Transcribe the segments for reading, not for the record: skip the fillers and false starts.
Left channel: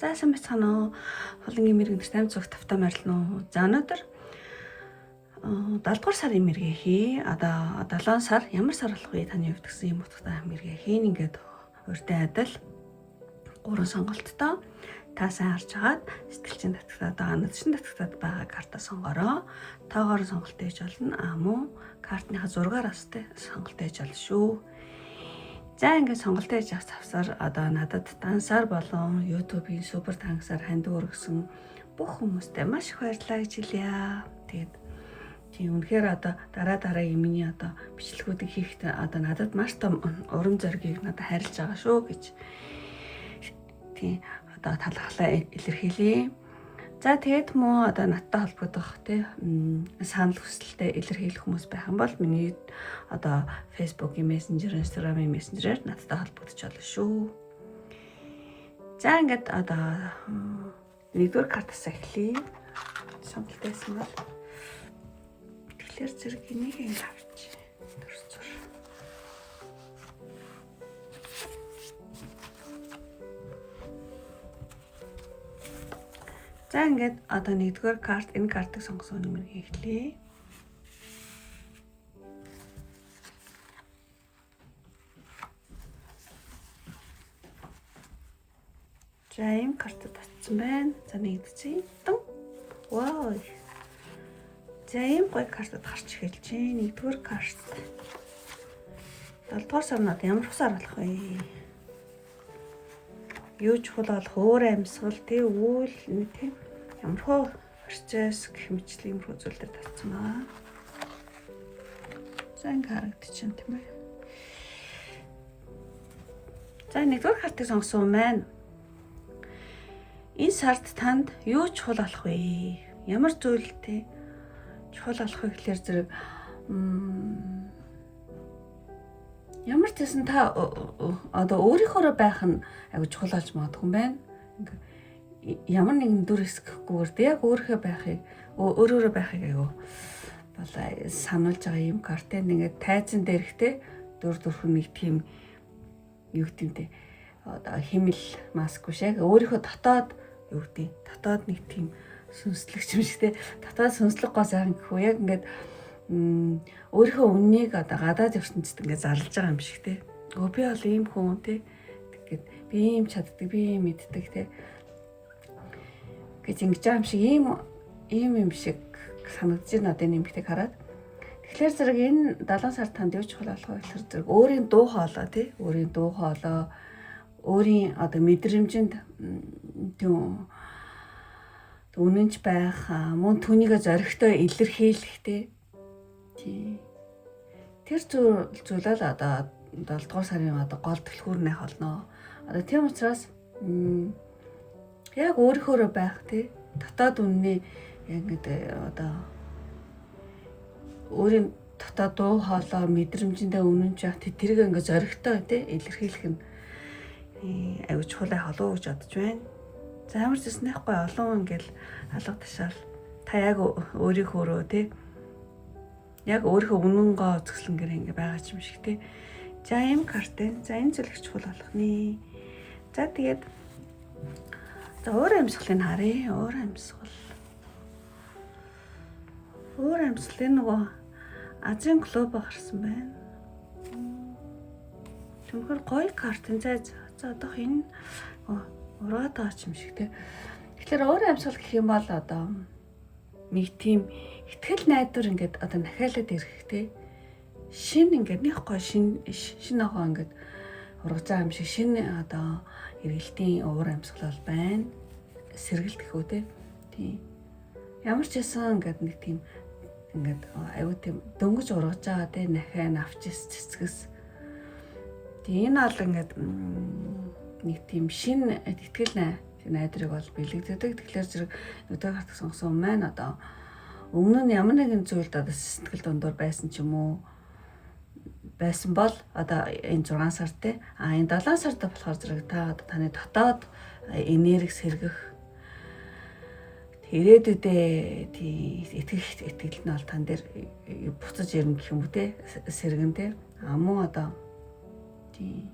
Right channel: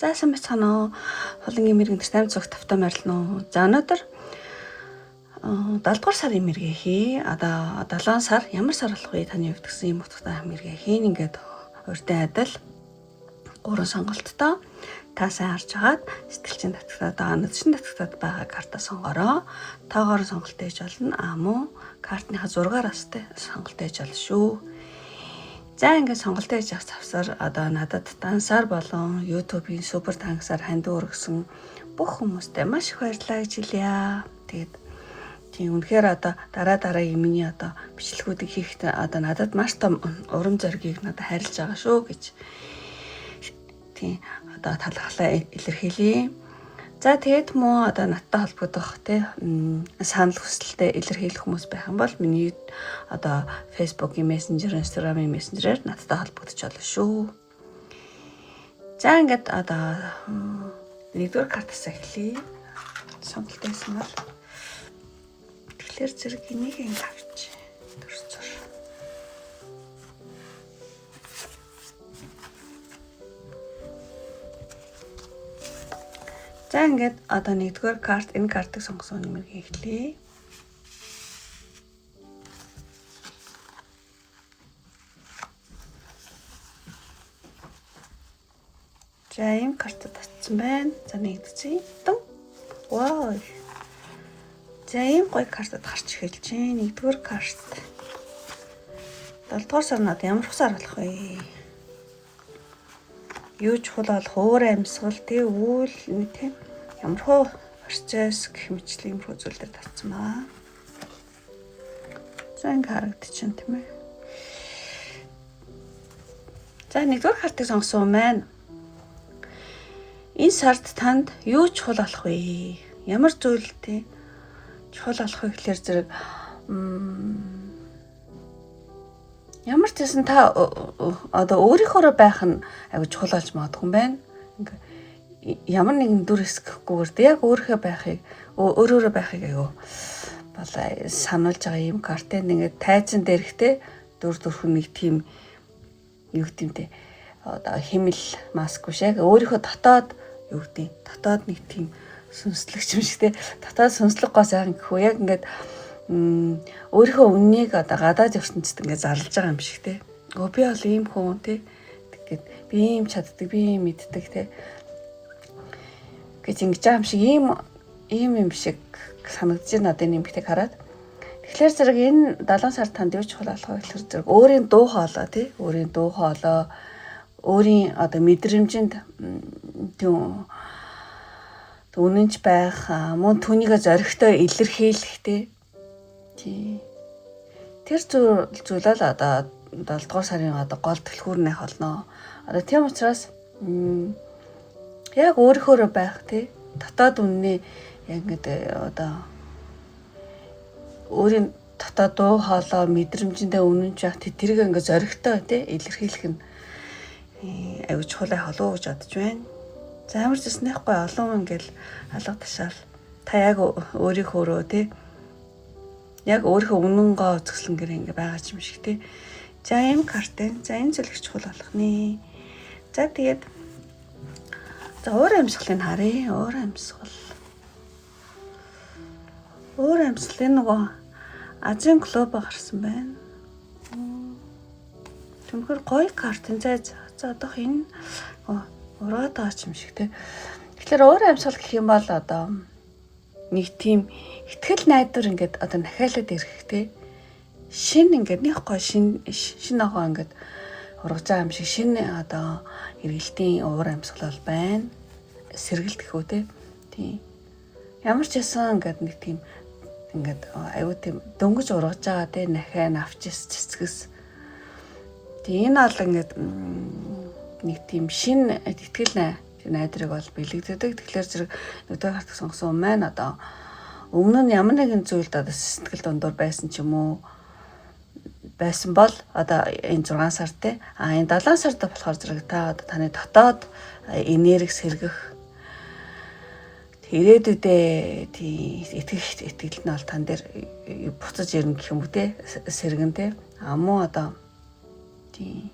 Заасан бацгаана. Холынгийн мэрэгэн 8 цагт тавтаа морилно. За өнөөдөр 7 дугаар сарын мэргээ хий. Одоо 7 сар ямар сар болох вэ? Таны хувьд гэсэн юм утгатай мэргээ хийн ингээд урьдын адил 3 сонголттой та сайн харж агаад сэтгэлчин татгатад нөтшин татгатад байгаа карта сонгороо. Тагаар сонголт ээж болно. Мөн картныхаа зургаараас сонголт ээж болно шүү. За ингээд сонголт ээж авах завсар одоо надад дансаар болон YouTube-ийн супер тангасаар ханд өргөсөн бүх хүмүүстээ маш их баярлалаа гэж хэлье. Тэгээд тийм үнэхээр одоо дараа миний одоо бичлэгүүдийг хийхдээ одоо надад маш том урам зоригийг надад харилж байгаа шүү гэж тийм одоо талархлаа илэрхийлье. За тэгээд мөн одоо надтай холбогдох санал хүсэлтэд илэрхийлэх хүмүүс байх юм бол миний одоо Facebook-ийн Messenger, Instagram-ийн Messenger-ээр надтай холбогдож болно шүү. За ингээд одоо нэгдүгээр картаас эхлэе. Сонголт байсан бол тэгэхээр зэрэг энийг ингэ авч төрцөр. За ингээд одоо нэгдүгээр карт энэ картыг сонгосон нэмэрийг эхлэе. За энэ картад татсан байна. За нэгдсэн. Вау. За ийм гоё картад гарч эхэлж байна. Нэгдүгээр карт. 7 дугаар сар над ямар сар болох вэ? Юу чухал болох өөр амьсгал үйл тийм ямар хөө процесс гэх мэтлэн юм зүйлээр татсан баа. За ингэ харагдчихэв тийм ээ. За нэгдүгээр картыг сонгосон маань энэ сард танд юу чухал болох вэ? Ямар зүйлтэй чухал болох вэ гэхээр зэрэг ямар ч гэсэн та одоо өөрийнхөө байх нь аягүй чухал болж магадгүй юм байна. Ямар нэгэн дүр эсгэхгүйгээр яг өөрийнхөө байхыг өөрөөрөө байхыг аягүй болоо сануулж байгаа юм картын ингээд тайзан дээрхтэй дүрхэн нэг тийм юу гэмтэй одоо химэл маск биш яг өөрийнхөө дотоод юу гэдэг дотоод нэг тийм сүнслэгч юм шиг те дотоод сүнслэг гоо сайхан гэхүү яг ингээд өөрийнхөө үннийг одоо гадаад ертөнцид ингээд зарлж байгаа юм шиг те. Би бол ийм хүн те тэгээд би ийм чаддаг, би ийм мэддэг те гэж ингэж байгаа юм шиг ийм юм шиг санагдаж байна одоо энэ нэмэгтэйг хараад. Тэгэхээр зэрэг энэ 7 сар танд юу чухал болох вэ гэхээр зэрэг өөрийн дуу хоолой те өөрийн дуу хоолой өөрийн одоо мэдрэмжинд тийм үнэнч байх мөн түүнийгээ зоригтой илэрхийлэх те тэр зүйлэл одоо 7 дугаар сарын одоо гол түлхүүрнийх болно. Одоо тийм учраас яг өөрийнхөө байх тий дотоод үнний яг ингээд одоо өөрийн дотоод дуу хоолой мэдрэмжиндээ үнэнч яах тэрийг ингээд зоригтой тий илэрхийлэх нь аюу чухал болов гэж бодож байна. За ямар ч гэснэхгүй олон ингээл алга ташаал та яг өөрийнхөө тий яг өөрийнхөө үнэн гоо зөвслөнгөр ингэ байгаа юм шиг тий. За энэ картын за энэ зүйл их чухал болох нэ. За тэгээд за өөр амьсгалыг харъя. Өөр амьсгалын нөгөө Азийн клуб гарсан байна. Түнхээр гоё картын за одоох энэ ураад байгаа юм шиг тий. Тэгэхээр өөр амьсгал гэх юм бол одоо нэг тийм итгэл найдвар ингээд одоо нахиалаад ирэх тий шин ингээд нэг гоо шин агоо ингээд ургаж байгаа юм шиг шин одоо эргэлтийн уур амьсгал бол байна. Сэргэлт гэхүү тий. Ямар ч ясан ингээд нэг тийм ингээд аюу тийм дөнгөж ургаж байгаа тий нахиа навчис цэцгэс. Тий энэ бол ингээд нэг тийм шин итгэл найдрыг бол бэлэгддэг. Тэгэхээр зэрэг өдөр хатах сонгосон маань одоо өмнө нь ямар нэгэн зүйлд одоо сэтгэл дундуур байсан ч юм уу байсан бол одоо энэ 6 сар те энэ 7 сард болохоор зэрэг та одоо таны дотоод энерги сэргэх ирээдүйдээ тий итгэл нь бол тань дээр буцаж ирнэ гэх юм уу те сэргэн те мөн одоо тий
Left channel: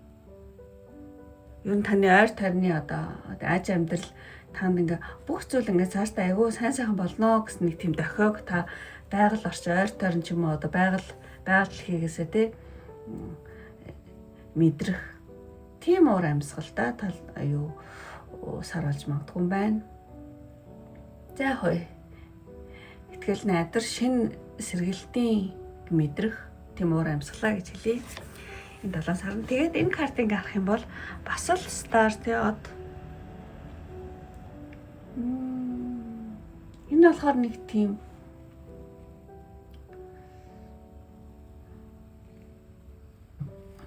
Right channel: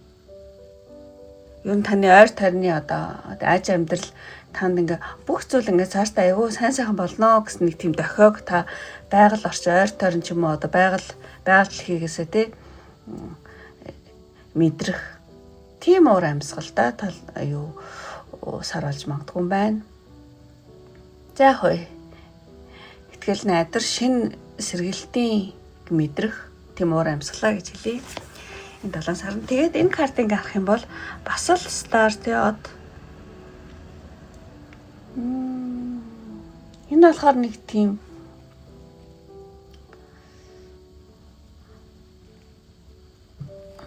Ер нь таны ойр тойрны одоо аж амьдрал танд ингээ бүх зүйл ингээ цаашдаа айгүй сайн болно гэсэн нэг тийм дохиог та байгаль орчин ойр тойрон ч юм уу одоо байгаль хийгээсээ тий мэдрэх тийм уур амьсгалтай тал аюу сар болж магадгүй юм байна. За хөөе. Итгэл найдар шинэ сэргэлтийн мэдрэх тийм уур амьсгалаа гэж хэлье. Энэ 7 сар. Тэгээд энэ картыг авах юм бол бас л стар тий од. Энэ болохоор нэг тийм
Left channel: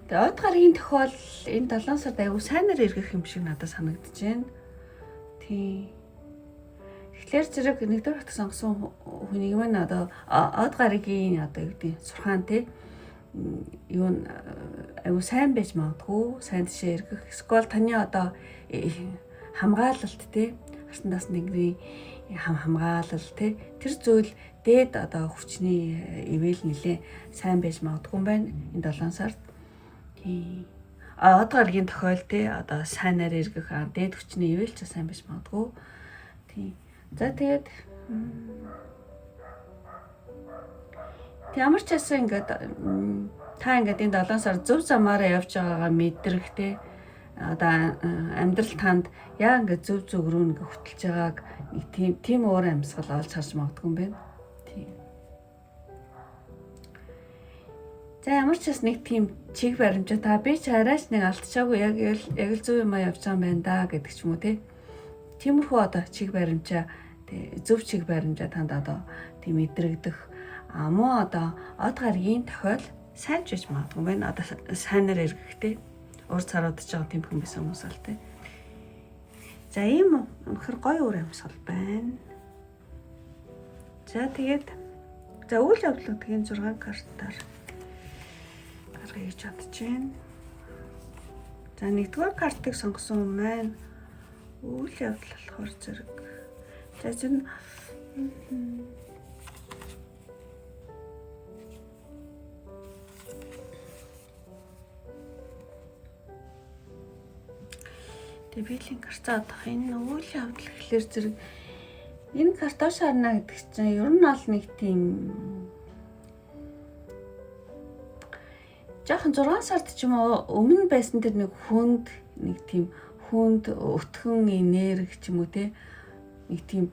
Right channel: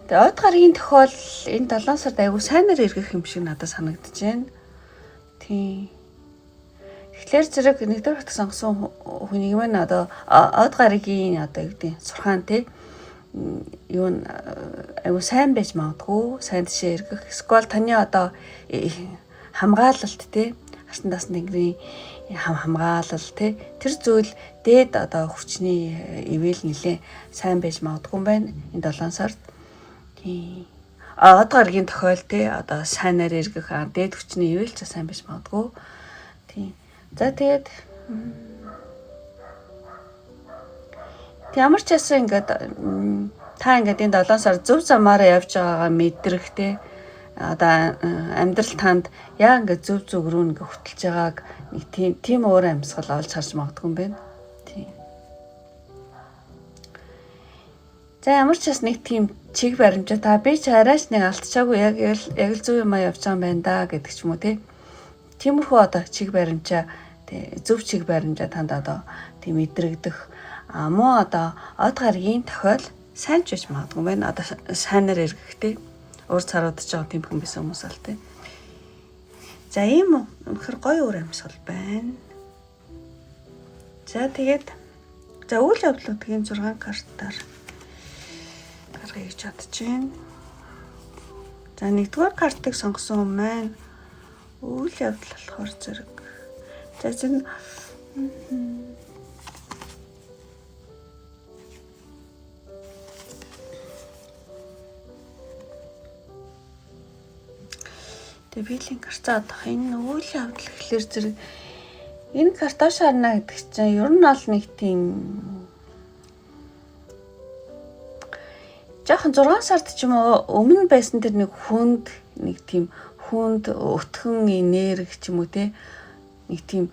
тэгээд од гарагийн тохиол энэ 7 сард айгүй сайнаар эргэх юм шиг надад санагдаж байна. Тийм. Тэгэхээр зэрэг нэгдүгээр хот сонгосон хүний юм одоо од гарагийн одоо юу гэдэг сурхаан тий юу айгүй сайн байж магадгүй, сайн тийшээ эргэх. Эсвэл таны одоо хамгаалалт тий артан даас нэгний хамгаалал тий тэр зүйл дээд одоо хүчний ивэл нэлээ сайн байж магадгүй юм байна энэ 7 сард. Тий. Од гарагийн тохиол тий одоо сайнаар эргэх дээд хүчний ивэл ч сайн байж магадгүй. Тий. За тэгээд ямар ч ясан ингээд та ингээд энэ 7 сар зөв замаараа явж байгаагаа мэдрэх тий одоо амьдрал танд яа ингээд зөв рүү ингээд хөтлж байгааг нэг тийм уур амьсгал олж харж магадгүй юм байна. Тий. За ямар ч бас нэг тийм чиг баримжаа та би ч арайч нэг алдчихаагүй яг л зөв юм явж байгаа юм байна да гэдэг ч юм уу тий. Тиймэрхүү одоо чиг баримжаа тий зөв чиг баримжаа танд одоо тийм мэдрэгдэх муу одоо од гарагийн тохиол сайн ч гэж магадгүй байна. Одоо сайнаар эргэхтэй уур царуудж байгаа тийм хүн байсан хүмүүс ал тий. За ийм үнэхэр гоё уур амьсгал байна. За тэгээд за үйл явдлуудын 6 картаар гаргая гэж бодож байна. За нэгдүгээр картыг сонгосон хүн маань үйл явдал болохоор зэрэг. За зэн Тэвэлийн карта одох энэ үйл явдал гэхэлэр зэрэг энэ карта шаарна гэдэг чинь ер нь бол нэг тийм жоохон 6 сард ч юм уу өмнө байсан тэр нэг хүнд өтгөн энерги ч юм уу те нэг тийм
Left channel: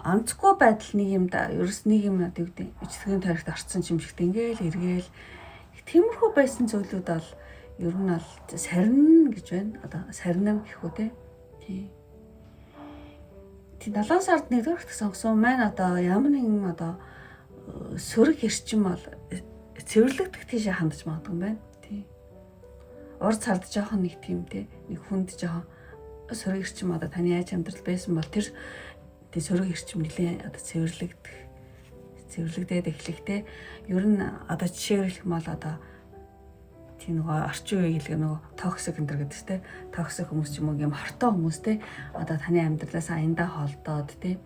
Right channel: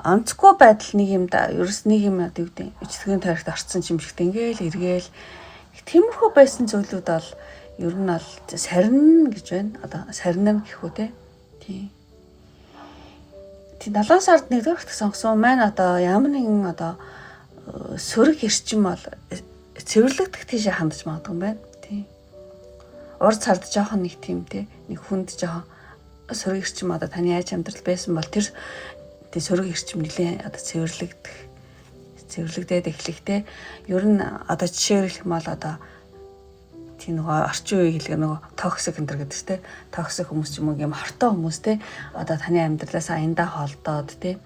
онцгүй байдал нэг юм да ерөөс нэг юм одоо юу гэдэг эцгийн тарихт орцсон юм шигтэй ингээл эргээл тиймэрхүү байсан зүйлүүд бол ер нь бол сарин гэж байна. Одоо сарин гэхүү те. Тий. 7 сард нэгдүгээр хот сонгосон маань одоо ямар нэгэн одоо сөрөг эрчим бол цэвэрлэгдэх тийшээ хандж магадгүй юм байна. Тий. Урд сард жоохон нэг тийм те нэг хүнд жоохон сөрөг эрчим одоо таны яаж амьдрал байсан бол тэр сөрөг эрчим нэлээ одоо цэвэрлэгдээд эхлэхтэй. Ер нь одоо жишээр хэлэх юм бол одоо тийм нөгөө орчин үеийн хэлгээ нөгөө токсик энэ гэдэг чинь токсик хүмүүс ч юм уу юм хортой хүмүүс те одоо таны амьдралаас аяндаа холдоод те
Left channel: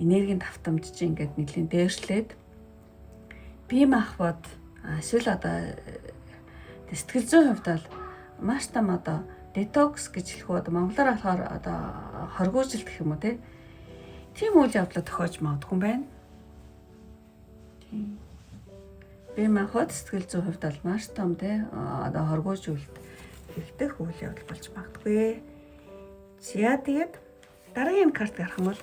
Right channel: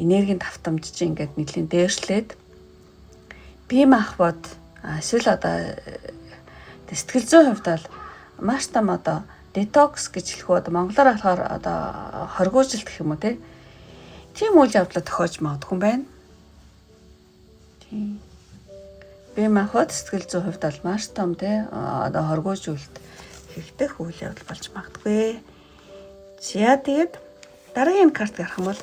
энергийн давтамж чинь ингээд нэлийн дээршлээд бие махбод эсвэл одоо сэтгэл зүйн хувьд бол маш том одоо детокс гэж хэлэх үү одоо монголоор болохоор одоо хоргоожил гэх юм уу те тийм үйл явдлаа тохиож магадгүй юм байна. Тийм. Бие махбод сэтгэл зүйн хувьд бол маш том те одоо хоргоожуулалт хийгдэх үйл явдал болж магадгүй. За тэгээд дараагийн карт гарах юм бол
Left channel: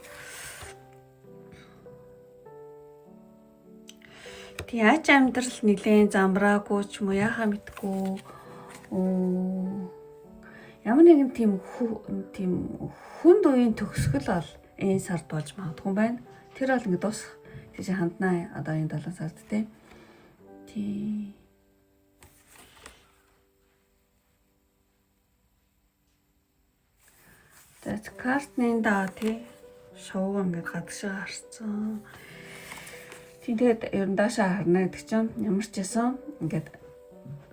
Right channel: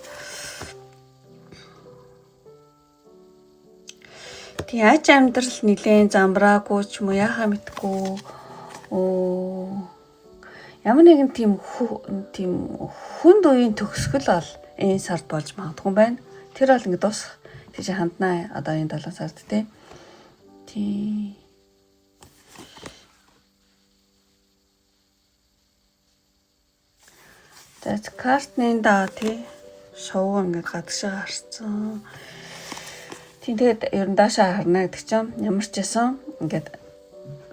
тий аж амьдрал нэлээд замбраагүй ч юм уу яхаа мэдгүй ямар нэгэн тийм хүнд үеийн төгсгөл бол энэ сард болж магадгүй байна. Тэр бол ингэ дуусах тийш ханднаа одоо энэ 7 сард те. Тий. Тэт картны даа тий шоу ингээд гадагшаа харцсан. Тийм тэгээд ер нь даашаа харна гэдэг чинь ямар ч байсан ингээд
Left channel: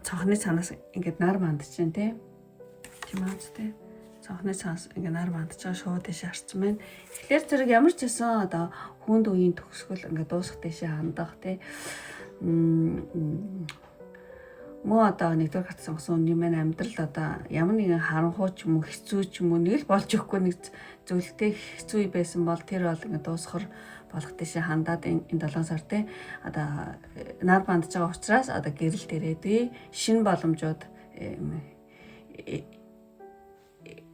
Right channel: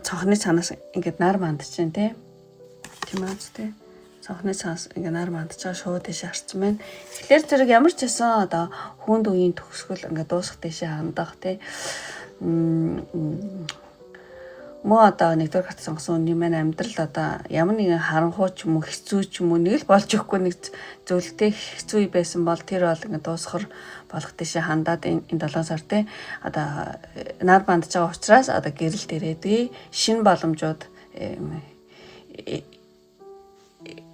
цонхны цанаас ингээд нар мандж чинь тий. Тийм ээ тий. Цонхны цанаас ингээд нар мандж байгаа шоу тийш харцсан байна. Тэгэхээр зэрэг ямар ч байсан одоо хүнд үеийн төгсгөл ингээд дуусах тийш хандах тий. мөн одоо нэгдүгээр карт сонгосон юм маань амьдрал одоо ямар нэгэн харанхуй ч юм уу хэцүү ч юм уу нэг л болж өгөхгүй нэг зөвлөлтэй хэцүү байсан бол тэр бол ингээд дуусахар болох тийшээ хандаад энэ 7 сар те одоо нар бандж байгаа учраас одоо гэрэл дээрээдээ шинэ боломжууд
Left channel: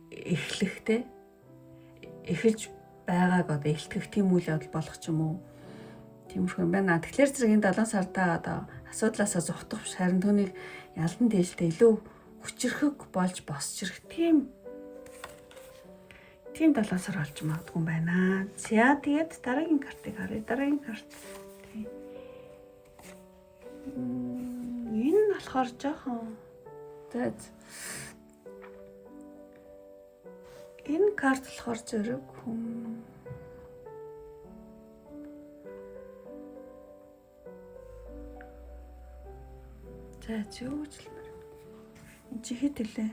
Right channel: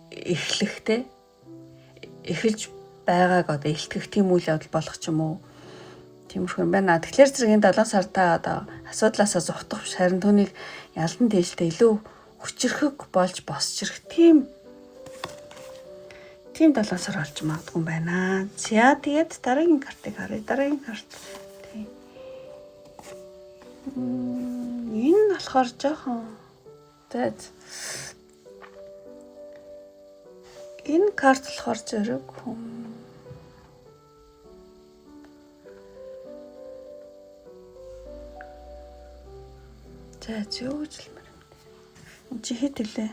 эхлэхтэй эхэлж байгааг одоо илтгэх тийм үйл явдал болох ч юм уу тиймэрхүү юм байна. Тэгэхээр зэрэг энэ 7 сартаа одоо асуудлаасаа зугтах харин түүнийг ялдан дээлтэй илүү хүчрхэг болж босч ирэх тийм 7 сар болж магадгүй юм байна. За тэгээд дараагийн картыг харъя. Дараагийн карт. Тийм. Энэ болохоор жоохон энэ карт болохоор зэрэг за юу гэж хэлмээр юм. Чи хэд хэлээ?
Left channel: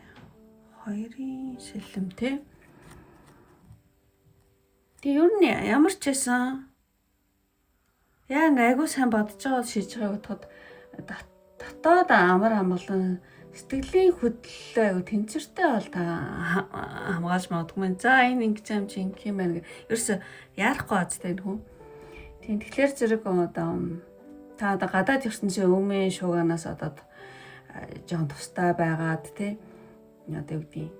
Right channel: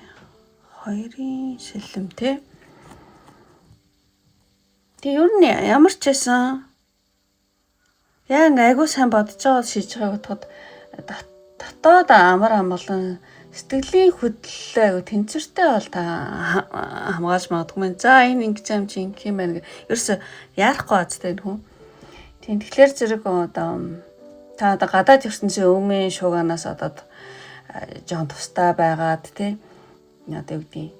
2-ын шилэм те. Тэг ер нь ямар ч байсан яг айгуу сайн бодож байгаа шийдэж байгааг бодоход дотоод амар амгалан сэтгэлийн хөдлөлөө айгуу тэнцвэртэй бол та хамгаалж магадгүй. За энэ ингэж юм чи ингэх юм байна гэ. Ерөөсө яарахгүй азтай нөхөн. Тийм тэгэхээр зэрэг одоо та одоо гадаад ертөнцийн өмнө шууганаас одоо жоон тустай байгаад тий одоо юу гэдэг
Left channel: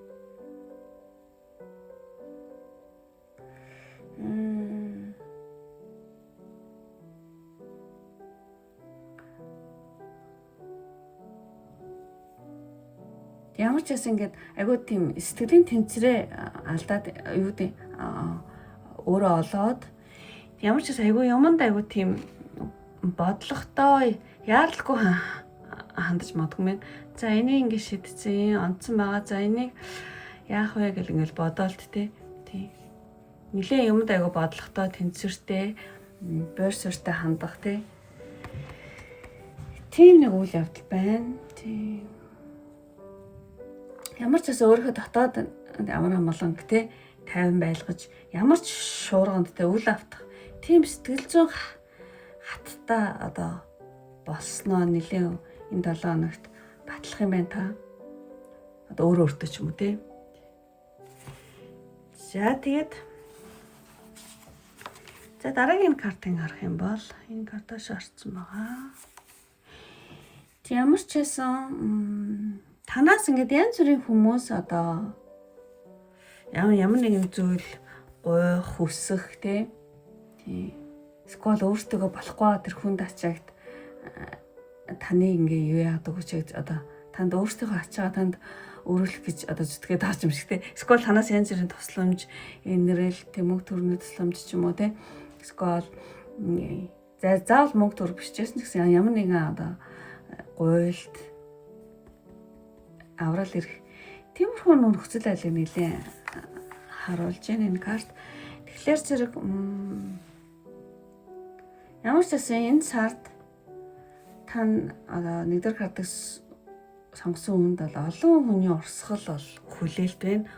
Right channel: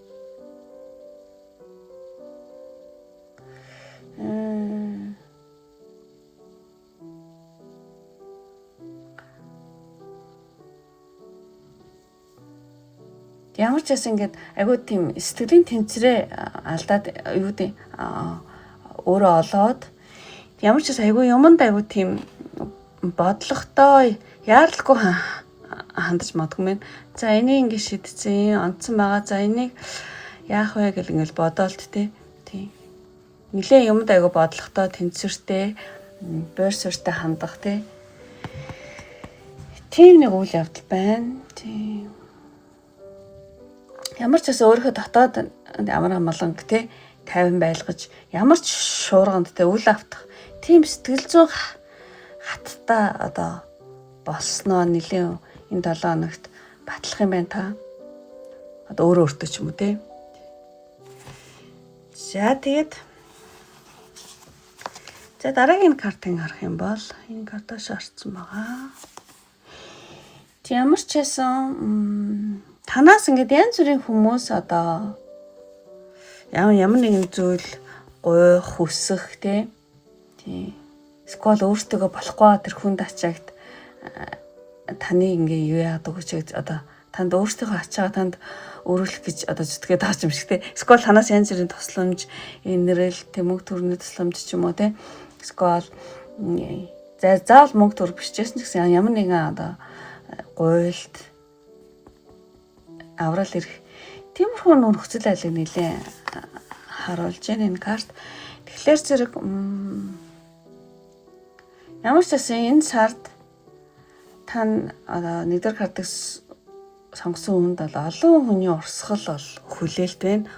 ямар ч гэсэн ингээд айгүй тийм сэтгэлийн тэнцвэрээ алдаад юу гэдэг өөрөө олоод ямар ч айгүй юмд айгүй тийм бодлоготой яаралгүй хандаж магадгүй юм. За энийг ингэ шийдсэн, онцсон байгаа. За энийг яах вэ гэл ингээл бодоолт тий. Нилээ юмд айгүй бодлоготой, тэнцвэртэй, буур суурьтай хандах тий. Тийм нэг үйл явдал байна. Тий. Ямар ч гэсэн өөрийнхөө дотоод амар амгаланг тий 50 байлгаж ямар ч шуурганд тий үл автах тийм сэтгэл зүйн хаттай одоо болсноо нэлээ энэ 7 хоногт батлах юм байна та. Одоо өөрөө өөртөө ч юм уу те. За тэгээд за дараагийн картыг харах юм бол энэ картаас орсон байгаа. Ямар ч байсан танаас ингээд янз бүрийн хүмүүс одоо ямар нэгэн зүйл гуйх, хүсэх те. Скол өөртөө болохгүй тэр хүнд ачаагт таны ингээ юу яадаг гэж одоо танд өөртөө ачаа танд өөрөлдөх гэж одоо зүтгээд байгаа юм шиг те. Скол танаас янз бүрийн тусламж, инэрэл, мөнгө төгрөгийн тусламж ч юм уу те. Скол заавал мөнгө төгрөг бичсэн ч гэсэн ямар нэгэн одоо гуйлд аврал ирэх тиймэрхүү нөхцөл айлыг нэлээ харуулж байна энэ карт. Тэгэхээр зэрэг ямар ч гэсэн энэ сард тань нэгдүгээр картыг сонгосон хүнд бол олон хүний урсгал бол хүлээлт байна.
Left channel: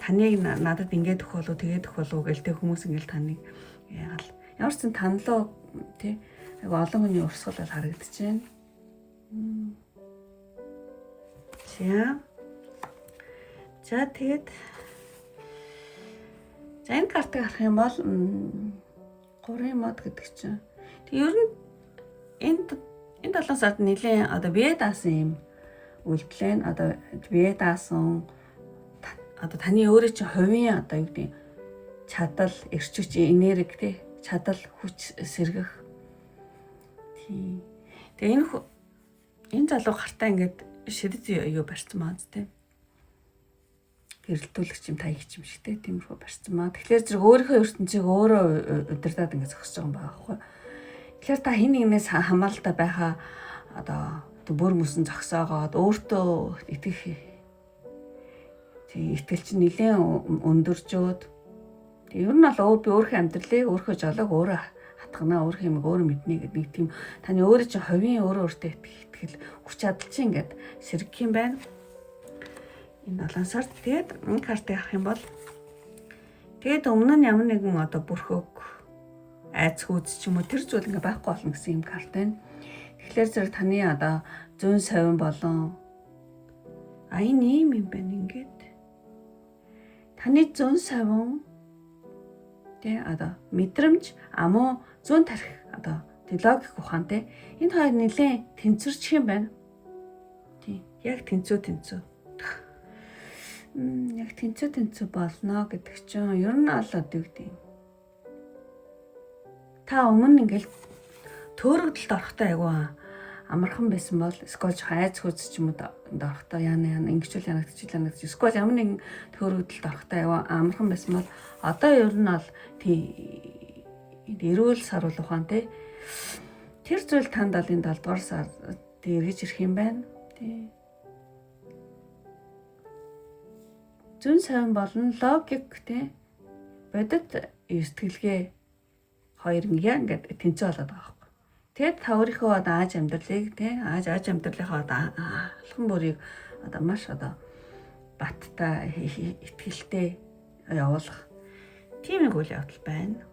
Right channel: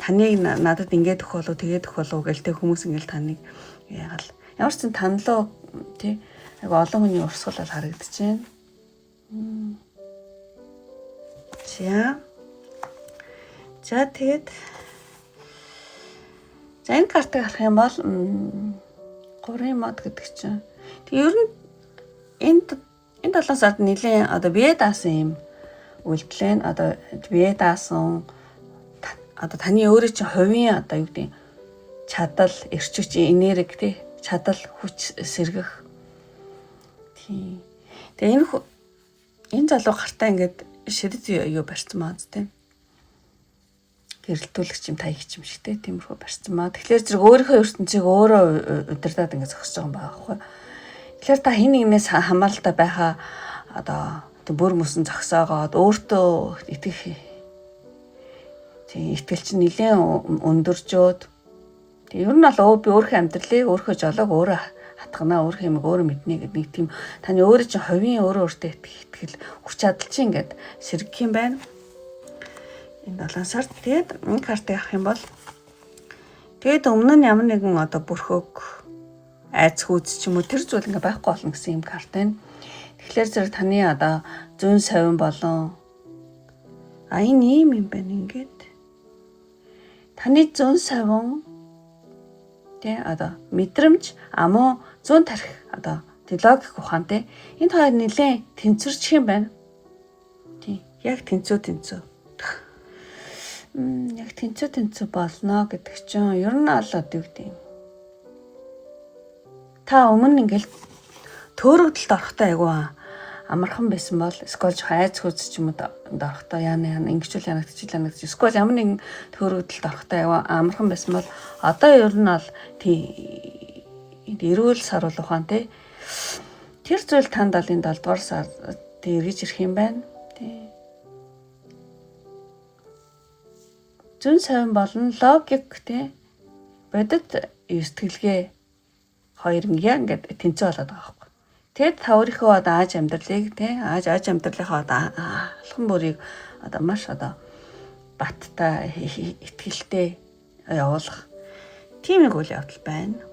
Таныг надад ингээд өгөх болов тэгээд өгөх болов гэлтэй хүмүүс ингээл таныг яагаад ямар ч танлаа тий олон хүний урсгал бол харагдаж байна. За тэгээд за энэ картыг харах юм бол 3 мод гэдэг чинь. Тэг ер нь энэ 7 сард нэлээд одоо бие даасан юм үйлдэл байна. Одоо бие даасан одоо таны өөрөө чинь хувийн одоо юу гэдэг чадал, эрчүүч, энерги тий чадал, хүч сэргэх. Тий. Тэгээ энэ залуу гартаа ингээд шидэд юу барьсан маа тий. Гэрэлтүүлэгч юм таягч юм шиг тиймэрхүү барьсан маа. Тэгэхээр зэрэг өөрийнхөө ертөнцийг өөрөө удирдаад ингэ зогсож байгаа юм байгаа байхгүй. Тэгэхээр та хин нэгнээс хамааралтай байхаа одоо бүр мөсөн зогсоогоод өөртөө итгэх тийм итгэл чинь нэлээд өндөржөөд тийм ер нь бол би өөрийнхөө амьдралыг өөрийнхөө жолоог өөрөө хатгана, өөрийнхөө юм өөрөө мэднэ гэдэг нэг тийм таны өөрөө чинь хувийн өөртөө итгэл хүч чадал чинь ингээд сэргэх юм байна. Энэ 7 сард тэгээд энэ картыг авах юм бол тэгээд өмнө нь ямар нэгэн одоо бүрхөг айц хүйц ч юм уу тэр зүйл ингээ байхгүй болно гэсэн юм карт байна. Тэгэхээр зэрэг таны одоо зүүн совин болон энэ ийм юм байна ингээд. Таны зүүн совин одоо мэдрэмж амуу зүүн тарих одоо логик ухаантай энэ хоёр нэлээд тэнцвэрчих юм байна. Тийм. Яг тэнцүү. Яг тэнцүү болно гэдэг чинь ер нь аль одоо юу гэдэг юм. Та өмнө ингээл төөрөгдөлд орохдоо айгуу амархан байсан бол скол хайц хүч ч юм уу орохдоо яана ингэчүүл янагдчих. Скол ямар нэгэн төөрөгдөлд орохдоо айгуу амархан байсан бол одоо ер нь бол эрүүл сар ухаантай тэр зүйл танд ал энэ 7 дугаар сар эргэж ирэх юм байна. Тий. Зүүн совин болон логик тий бодит сэтгэлгээ хоёр ингээд тэнцүү болоод байгаа байхгүй. Тэгэд та өөрийнхөө одоо ааж амьдралыг тий ааж амьдралынхаа одоо алхам бүрийг одоо маш одоо баттай итгэлтэй явуулах тийм нэг үйл явдал байна.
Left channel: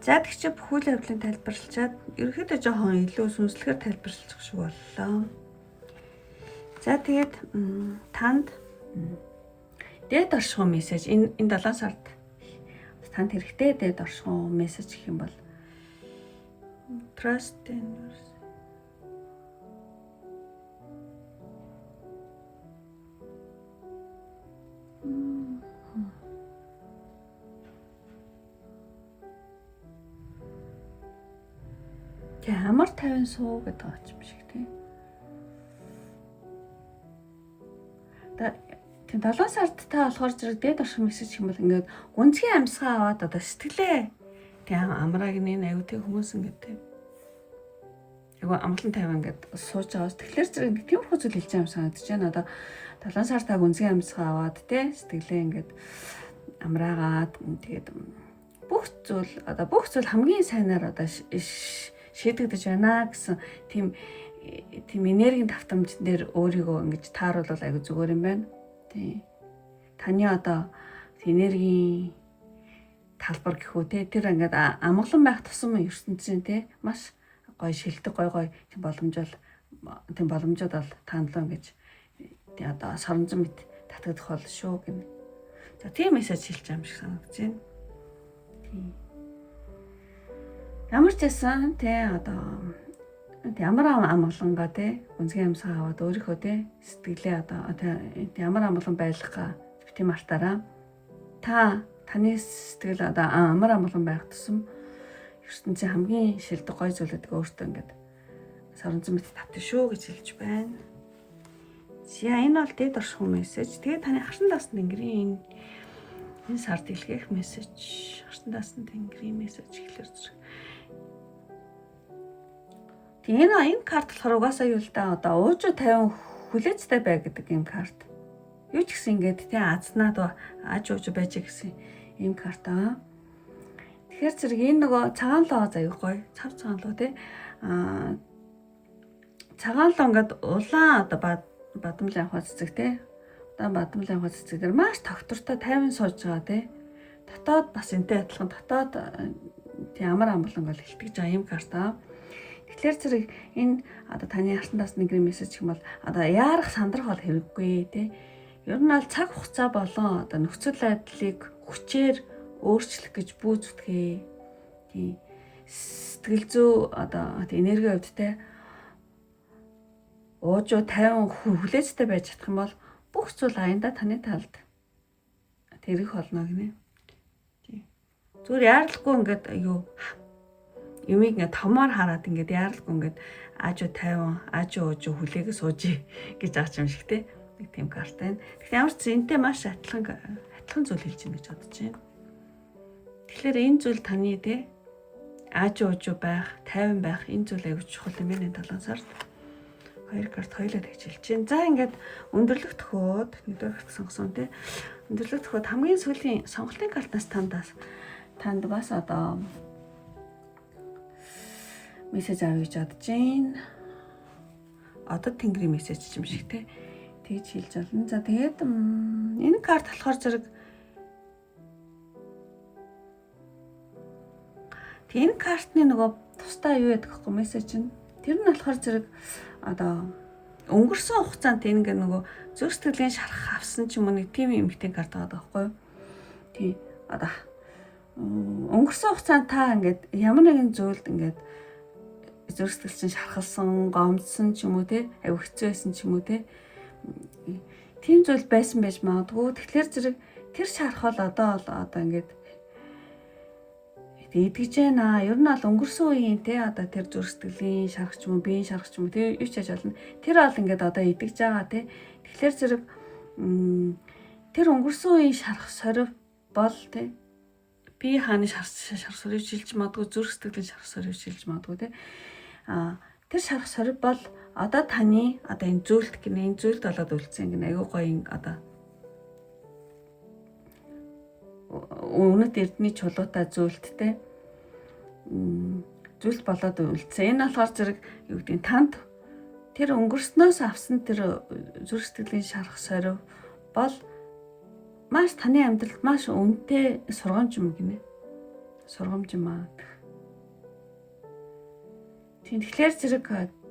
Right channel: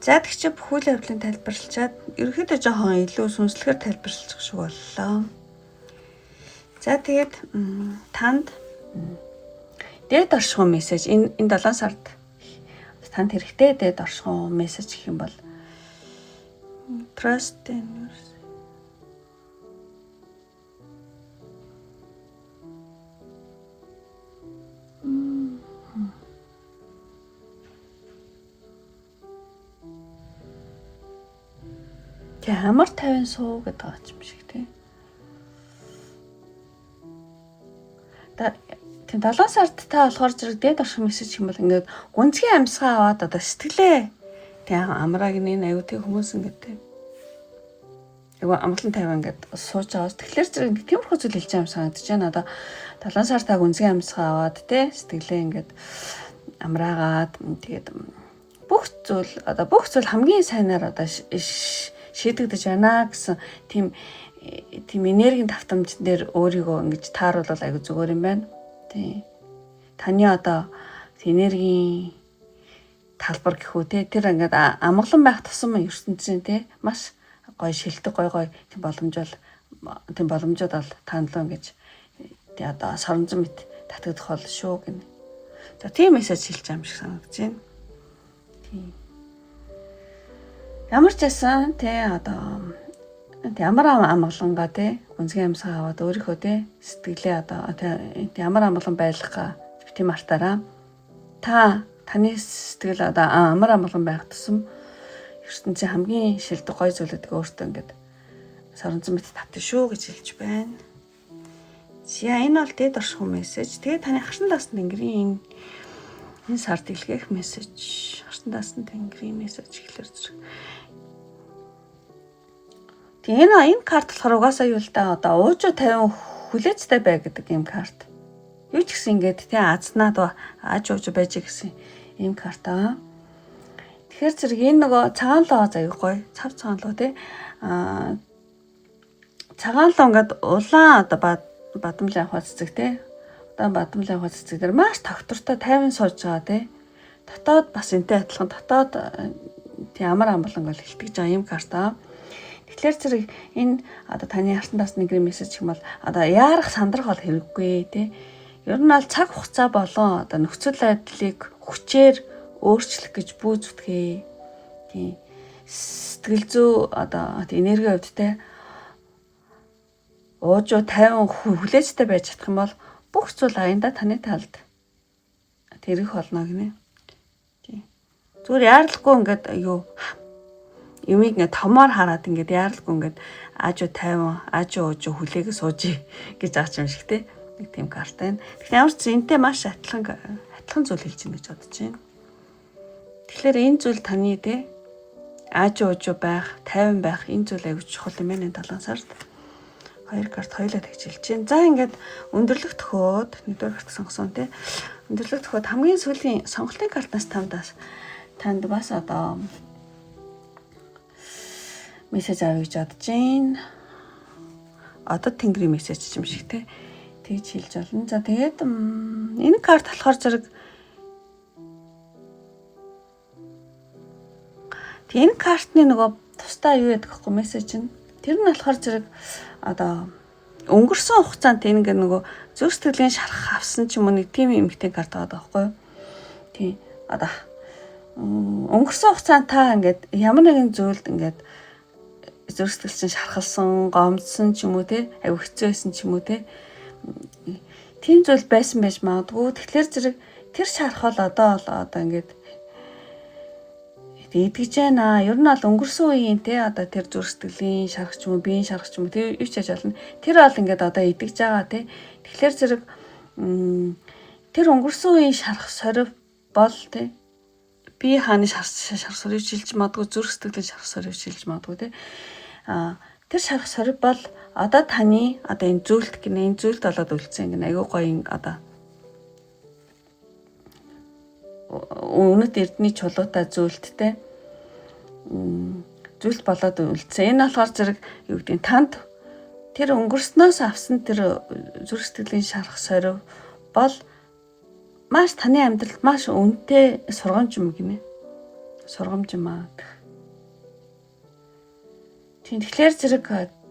За тэгчээ бүх үйл явдлыг тайлбарлачаад ерөөхдөө жоохон илүү сүнслэгээр тайлбарлах шиг боллоо. За тэгээд танд дээд оршихуун мессеж энэ 7 сард танд хэрэгтэй дээд оршихуун мессеж гэх юм бол trust in yourself. Тэ амар тавин суу гэдэг байгаа юм шиг тий. Тэг 7 сард та болохоор зэрэг дээд орших мессеж юм бол ингээд гүнзгий амьсгаа аваад одоо сэтгэлээ тэг амрааг нэг аюу тэг хүмүүс ингээд тэг айгу амгалан тавиан ингээд сууж байгаа. Тэгэхээр зэрэг тиймэрхүү зүйл хэлж байгаа юм санагдаж байна. Одоо 7 сар та гүнзгий амьсгаа аваад тэг сэтгэлээ ингээд амраагаад тэгээд бүх зүйл хамгийн сайнаар одоо шийдэгдэж байна гэсэн тийм энергийн давтамж дээр өөрийгөө ингэж тааруулбал айгу зүгээр юм байна. Тий. Таны одоо энергийн талбар гэхүү те тэр ингээд амгалан байх тусам ертөнцийн те маш гоё шилдэг гоё тийм боломжууд бол танилаа гэж тий одоо соронзон мэт татагдах бол шүү гэнэ. За тийм мессеж хэлж байгаа юм шиг санагдаж байна. Тийм. Ямар ч байсан те одоо ямар амгалангаа те гүнзгий амьсгаа аваад өөрийнхөө те сэтгэлээ одоо ямар амгалан байлгахаа тийм артаараа таны сэтгэл одоо амар амгалан байх тусам ертөнцийн хамгийн шилдэг гой зүйлүүдийг өөртөө ингээд соронзон мэт татна шүү гэж хэлж байна. За энэ бол дээд оршихуун мессеж. Тэгээ таны харсан даасан тэнгэрийн энэ сард илгээх мессеж. Харсан даасан тэнгэрийн мессеж гэхэлэр зэрэг. Тэгээ энэ карт болохоор угаасаа юу л да одоо уужуу 50 хүлээцтэй бай гэдэг юм карт. Юу ч гэсэн ингээд тий азнаад ааж ууж байж гэсэн ийм карт аа. Тэгэхээр зэрэг энэ нөгөө цагаанлоо заяа гоё цав цагаанлоо тий цагаанлоо ингээд улаан одоо бадамлын авах цэцэг тий удаан бадамлын авах цэцэг дээр маш тогтвортой 50 сууж байгаа тий дотоод бас энтэй адилхан дотоод тий амар амгалан гол хэлтгэж байгаа ийм карт аа. Тэгэхээр зэрэг энэ одоо таны хартан даасны гэр мессеж юм бол одоо яарах сандрах бол хэрэггүй тий. Ер нь аль цаг хугацаа болон одоо нөхцөл байдлыг хүчээр өөрчлөх гэж бүү зүтгээ. Тий. Сэтгэл зүй одоо энерги хувьд тий уужуу 50 хүлээцтэй байж чадах юм бол бүх зүйл аянда таны талд тэрэх болно гинэ. Тий. Зүгээр яарлахгүй ингээд юмыг ингээд томоор хараад ингээд яарлахгүй ингээд аажуу 50 аажуу уужуу хүлээгээ сууж гэж аач юм шиг тий. Нэг тийм карт байна. Тэгэхээр ямар ч зэнтэй маш адилхан зүйл хэлж байна гэж бодож байна. Тэгэхээр энэ зүйл таны тий аажуу уужуу байх, 50 байх энэ зүйл аягүй чухал юм байна 7 сард. 2 карт хоёулаа тэгж хэлж байна. За ингээд өндөрлөх төхөөд 1-р карт сонгосон тий. Өндөрлөх төхөөд хамгийн сүүлийн сонголтын картнаас танд бас одоо мессеж авъя гэж бодож байна. Одоо тэнгэрийн мессеж юм шиг тий. Тэгж хэлж болно. За тэгээд энэ карт болохоор зэрэг Тэгээ энэ картны нөгөө тусдаа юу яадаг вэ мессеж нь тэр нь болохоор зэрэг одоо өнгөрсөн хугацаанд ингээ нөгөө зүрх сэтгэлийн шарах авсан ч юм уу нэг тийм эмгтэй карт байгаа байхгүй юу. Тийм одоо өнгөрсөн хугацаанд та ингээд ямар нэгэн зүйлд ингээд зүрх сэтгэл чинь шархалсан, гомдсон ч юм уу те аюу хэцүү байсан ч юм уу те тийм зүйл байсан байж магадгүй. Тэгэхээр зэрэг тэр шархал одоо ингээд идэгж байна. Ер нь бол өнгөрсөн үеийн те одоо тэр зүрх сэтгэлийн шарах ч юм уу, биеийн шарах ч юм уу те юу ч яаж болно. Тэр бол ингээд одоо идэгж байгаа те. Тэгэхээр зэрэг тэр өнгөрсөн үеийн шарах сорив бол те бие хааны шарах сорив шилж магадгүй, зүрх сэтгэлийн шарах сорив шилж магадгүй те. Тэр шарах сорив бол одоо таны одоо энэ зүйлд гинэ энэ зүйлд болоод үлдсэн гинэ аюу гоё одоо өмнөд эрдний чулуутай зүйлдтэй зүйлд болоод үлдсэн. Энэ болохоор зэрэг юу гэдэг нь танд тэр өнгөрснөөс авсан тэр зүрх сэтгэлийн шарах сорив бол маш таны амьдралд маш үнэтэй сургамж юм гинэ. Сургамж юм аа. Тэгэхээр зэрэг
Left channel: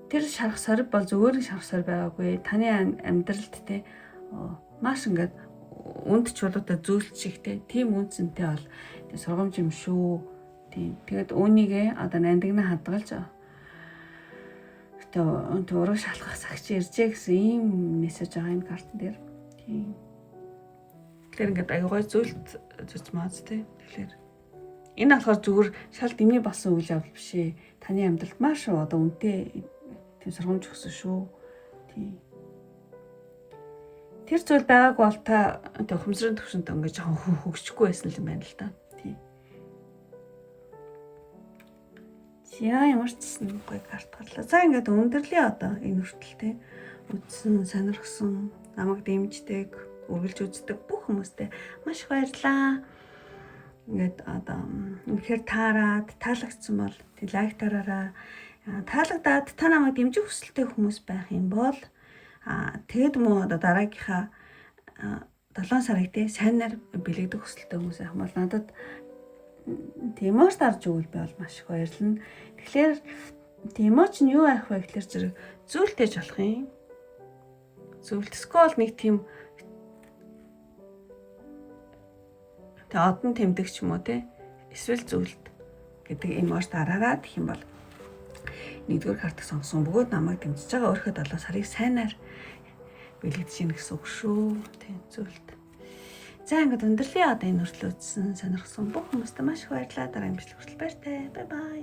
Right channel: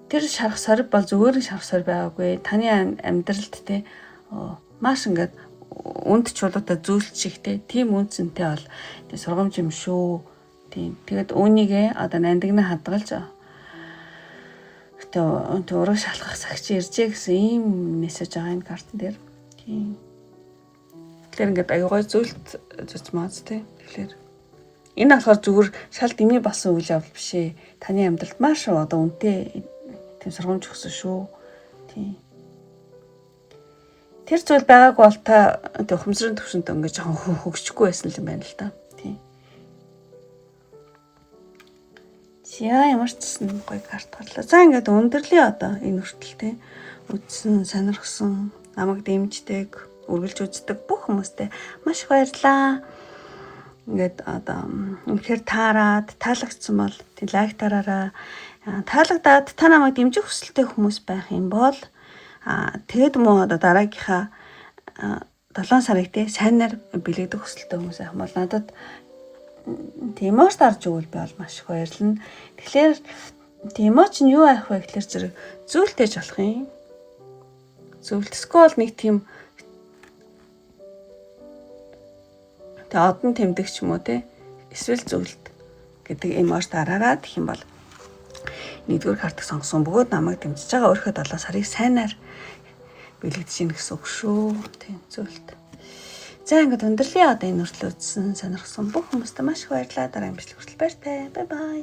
тэр шарах сорив бол зүгээр шарах сорив байгаагүй. Таны амьдралд те маш ингээд үнд чулуутай зүйлч шигтэй тийм үнцэнтэй бол сургамж юм шүү. Тийм. Тэгэд үүнийгээ одоо нандинаа хадгалж тэгээ ураг шалгах сагч иржээ гэсэн ийм мессеж байгаа энэ картн дээр. Тийм. Тэгэхээр ингээд аюугай зүйлд зүц маац тий. Тэгэхээр энэ болохоор зүгээр шал дэмий болсон үйл явдал биш ээ. Таны амьдралд маш одоо үнэтэй тийм сургамж өгсөн шүү. Тийм. Тэр зүйл байгаагүй бол та ухамсарын төвшөнд ингээд жоохон хөгжихгүй байсан юм байна л та. Тийм. Ямар ч гэсэн гоё карт гарлаа. За ингээд өндөрлөө одоо энэ хүртэл тий. Үдсэн, сонирхсон, намайг дэмждэг, үргэлж үздэг бүх хүмүүстээ маш их баярлалаа. Ингээд одоо үнэхээр таарад, таалагдсан бол тий лайк тараараа. Таалагдаад та намайг дэмжих хүсэлтэй хүмүүс байх юм бол тэгэд мөн одоо дараагийнхаа 7 сарыг те сайнаар бэлэгдэх хүсэлтэй хүмүүс байх бол надад тиймээс дарж өгвөл би бол маш их баярлна. Тэгэхээр тиймээ чинь юу авах вэ гэхээр зэрэг зүйлтэйж болох юм. Зүйлтэсгүй бол нэг тийм одон тэмдэгч юм уу те эсвэл зүйлт гэдэг эмош дараараа гэх юм бол нэгдүгээр картыг сонгосон бөгөөд намайг дэмжиж байгаа өөрийнхөө 7 сарыг сайнаар бэлэгдэж ийн гэсэн үг шүү. Тийм зүйлт. За ингээд өндөрлөө одоо энэ хүртэл үзсэн сонирхсан бүх хүмүүстээ маш их баярлалаа. Дараагийн бичлэг хүртэл баяртай. Бай бай.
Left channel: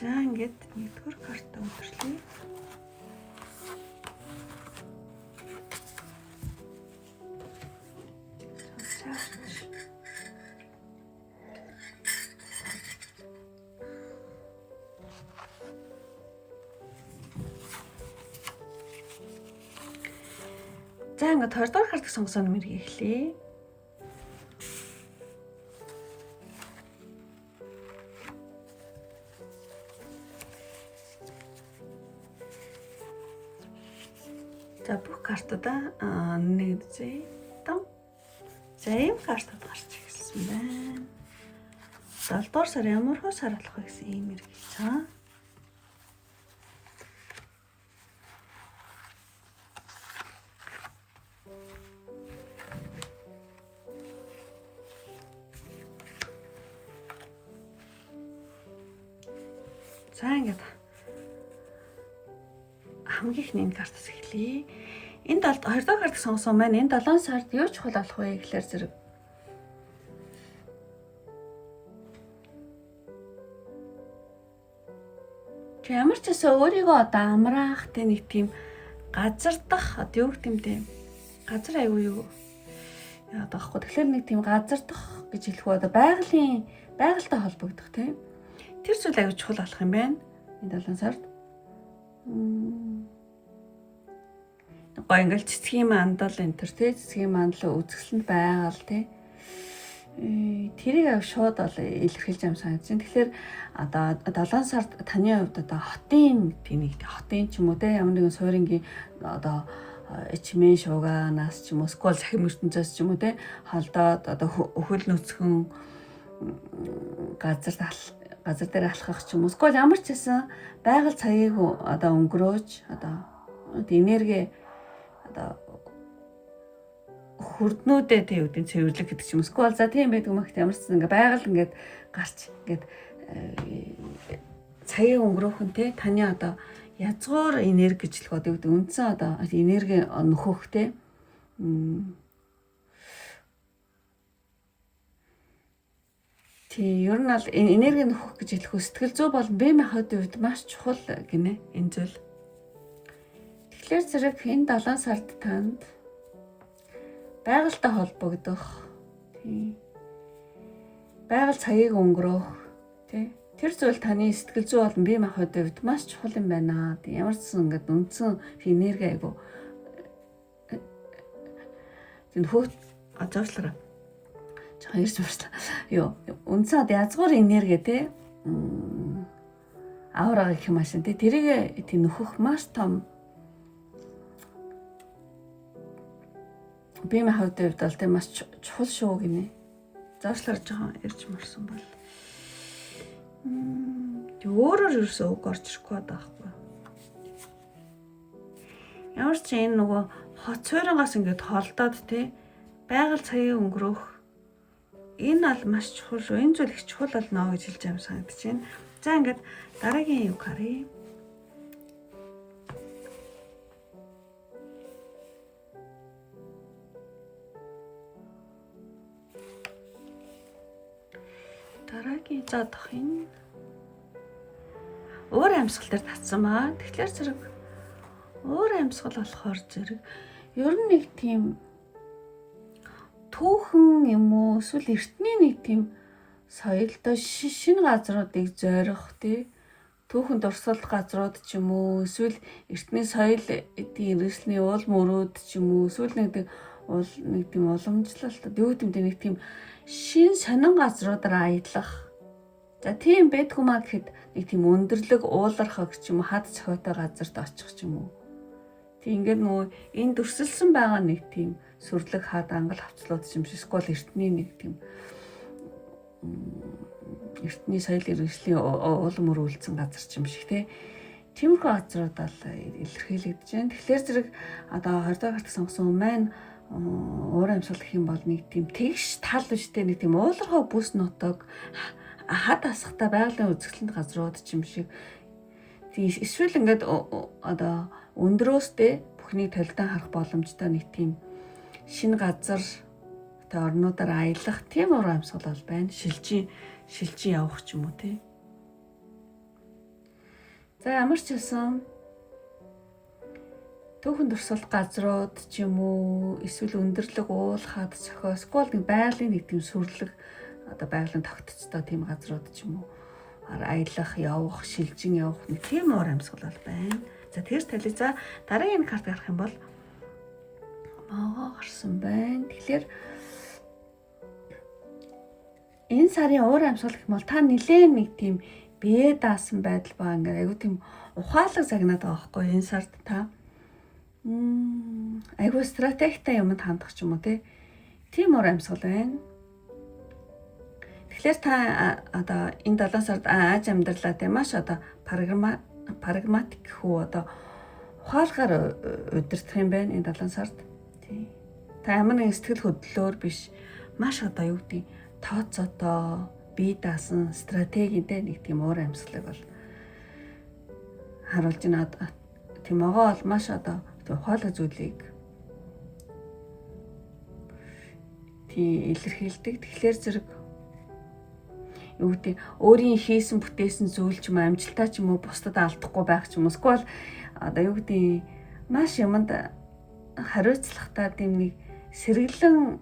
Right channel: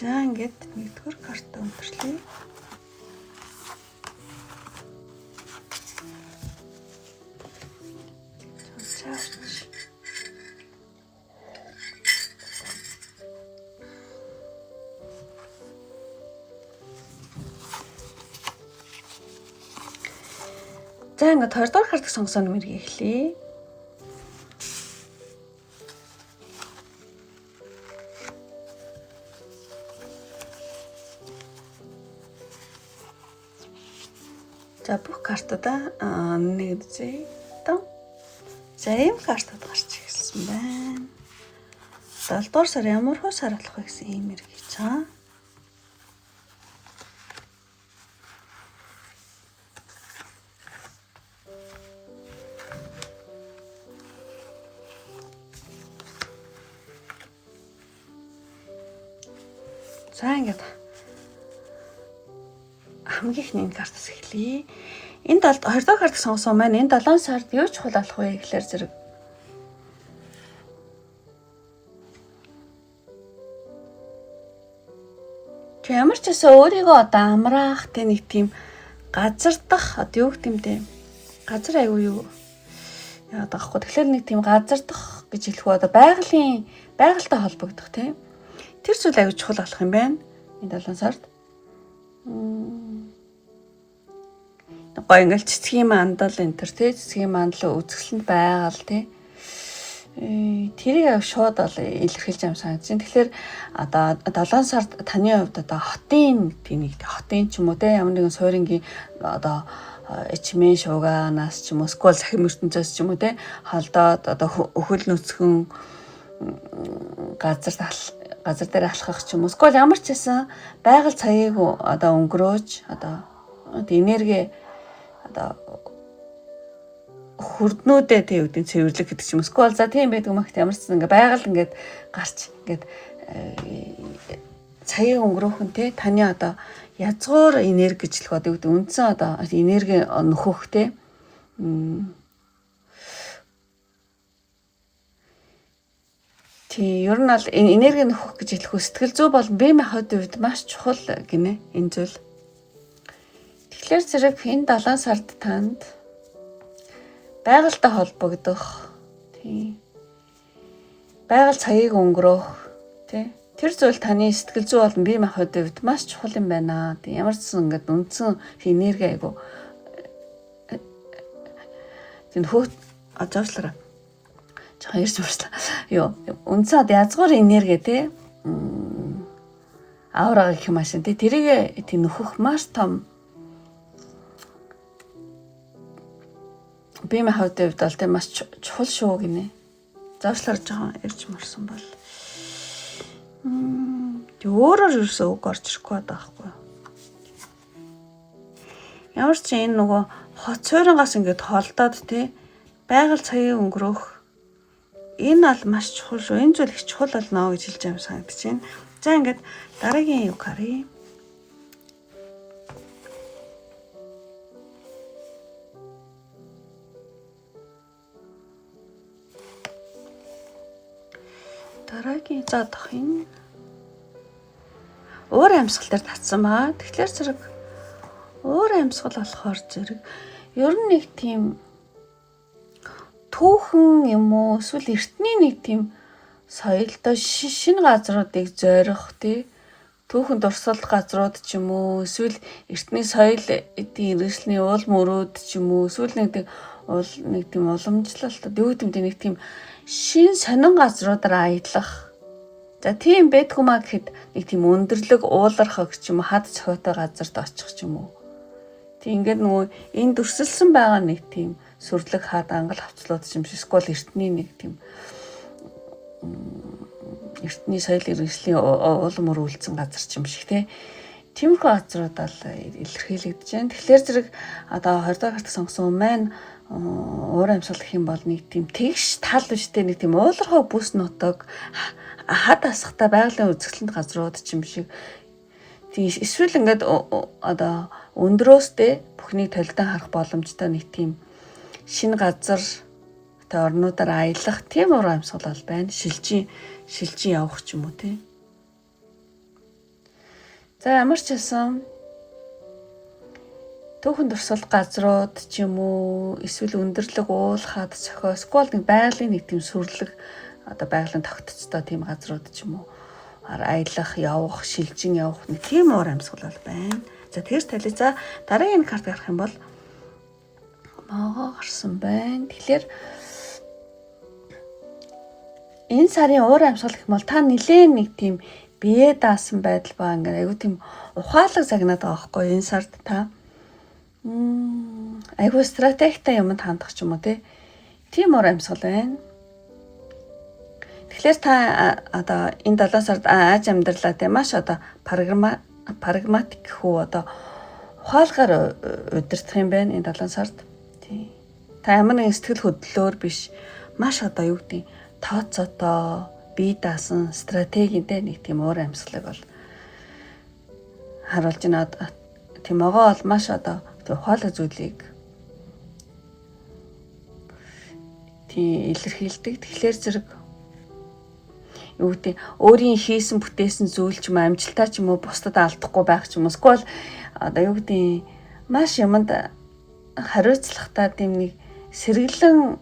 За ингээд нэгдүгээр картаа өндөрлөө. За ингээд 2 дугаар картыг сонгосон нэмэрийг эхлэе. За бүх картуудаа нэг зэ тоо. За ийм картууд гарч ирсэн байна. 7 дугаар сар ямар хөө сар болох вэ гэсэн ийм хэрэг цаа. За ингээд хамгийн ихний энэ картаас эхлэе. Энд 2 дугаар картыг сонгосон маань энэ 7 сард юу чухал болох вэ гэхээр зэрэг ямар ч гэсэн өөрийгөө одоо амраах тэ нэг тийм газар дах одоо юу гэдэм бэ? Газар аягүй юу яагаад байхгүй. Тэгэхээр нэг тийм газар дах гэж хэлэх үү одоо байгальтай холбогдох тийм. Тэр зүйл аягүй чухал болох юм байна. Энэ 7 сард. Гоё ингээл цэцгийн мандал энэ төр тий цэцгийн мандал үзэсгэлэнд байгаал тий. Тэрийг шууд бол илэрхийлж юм санагдаж байна. Тэгэхээр одоо 7 сард таны хувьд одоо хотын тийм нэг хотын ч юм уу тий ямар нэгэн суурингийн одоо эчмэн шууганаас ч юм уу скол сахим ертөнцөөс ч юм уу те холдоод одоо өхөл нүцгэн газар дээр алхах ч юм уу скол ямар ч байсан байгаль цагийг одоо өнгөрөөж одоо энерги одоо хүрднүүдээ тийм үгдийн цэвэрлэг гэдэг ч юм уу скол за тийм байдаг мах ямар ч ингээ байгаль ингээд гарч ингээд цагийг өнгөрөөхөн те таны одоо язгуур энерги гэж л одоо үндсэн одоо энерги нөхөх те тий ер нь бол энерги нөхөх гэж хэлэх үү сэтгэл зүй бол бие махбодын үед маш чухал гинэ энэ зүйл. Тэгэхээр зэрэг энэ 7 сард танд байгальтай холбогдох тий байгаль цагийг өнгөрөөх тий тэр зүйл таны сэтгэл зүй болон бие махбодын үед маш чухал юм байна. Тий ямар ч сан ингээд үндсэн энерги айгу тийм хөөт ажуулаараа жоохон ирж байна. Йоо үндсэн язгуур энерги тий аураа гэх юм ашин тий тэрийг тий нөхөх маш том бие махбодын үед бол тий маш чухал шүү гинэ. Заашлаар жоохон ирж марсан бол тэг өөрөөр юусэн үг орж ирэхгүй байхгүй. Ямар ч энэ нөгөө хот цойронгоос ингээд холдоод тий байгаль цагийг өнгөрөөх энэ бол маш чухал шүү. Энэ зүйл их чухал болно гэж хэлж байгаа санагдаж байна. За ингээд дараагийн юу харъя. Дараагийн заадах юм. Өөр амьсгал дээр татсан баа. Тэгэхээр зэрэг өөр амьсгал болохоор зэрэг ер нь нэг тийм түүхэн юм уу эсвэл эртний нэг тийм соёлтой шинэ газруудыг зорих тий түүхэн дурсгалах газрууд ч юм уу эсвэл эртний соёл эдийн иргэншлийн уул мөрөөд ч юм уу эсвэл нэг тийм уламжлалт юу гэдэг нэг тийм шин сонин газруудаар аялах. За тийм байдгүй маа гэхэд нэг тийм өндөрлөг уулархах ч юм уу хад цохиотой газарт очих ч юм уу. Тэг ингээд нөгөө энэ дүрсэлсэн байгаа нэг тийм сүрлэг хаад ангал хавцлууд юм шиг скол эртний нэг тийм эртний соёл иргэншлийн улам өрүүлсэн газар ч юм шиг тий. Тиймэрхүү газрууд бол илэрхийлэгдэж байна. Тэгэхээр зэрэг одоо 20 дахь гарт сонгосон маань уур амьсгал гэх юм бол нэг тийм тэгш тал биштэй нэг тийм уулархаг бүс нутаг хад асахтай байгалийн үзэсгэлэнт газрууд ч юм шиг. Тийм эсвэл ингээд одоо өндрөөстэй бүхнийг толидан харах боломжтой нэг тийм шинэ газар тэ орнуудаар аялах тийм уур амьсгал бол байна. Шилжин явах ч юм уу тий. За ямар ч байсан түүхэн дурсгал газрууд ч юм уу эсвэл өндөрлөг уул хад цохио скол нэг байгалийн нэг тийм сүрлэг одоо байгалийн тогтцтой тийм газрууд ч юм уу аялах явах шилжин явах нэг тийм уур амьсгал бол байна. За тэгж талий за дараагийн карт гарах юм бол могоо гарсан байна. Тэгэхээр энэ сарын уур амьсгал гэх юм бол та нилээн нэг тийм бие даасан байдал баа ингээ айгу тийм ухаалаг загнаад байгаа байхгүй энэ сард та айгу стратегтай юмд хандах ч юм уу тийм уур амьсгал байна. Тэгэхээр та одоо энэ 7 сард ааж амьдралаа тийм маш одоо прагматик хүү одоо ухаалгаар удирдах юм байна энэ 7 сард. Тийм. Та ямар нэгэн сэтгэл хөдлөлөөр биш маш одоо юу гэдэг тооцоотоо бие даасан стратегитэй нэг тийм уур амьсгалыг бол харуулж байна. Тийм могоо бол маш одоо ухаалаг зүйлийг тийм илэрхийлдэг. Тэгэхээр зэрэг юу гэдэг өөрийн хийсэн бүтээсэн зүйл ч юм амжилтаа ч юм уу бусдад алдахгүй байх ч юм уу эсвэл одоо юу гэдэг маш юмд хариуцлагатай тийм нэг сэргэлэн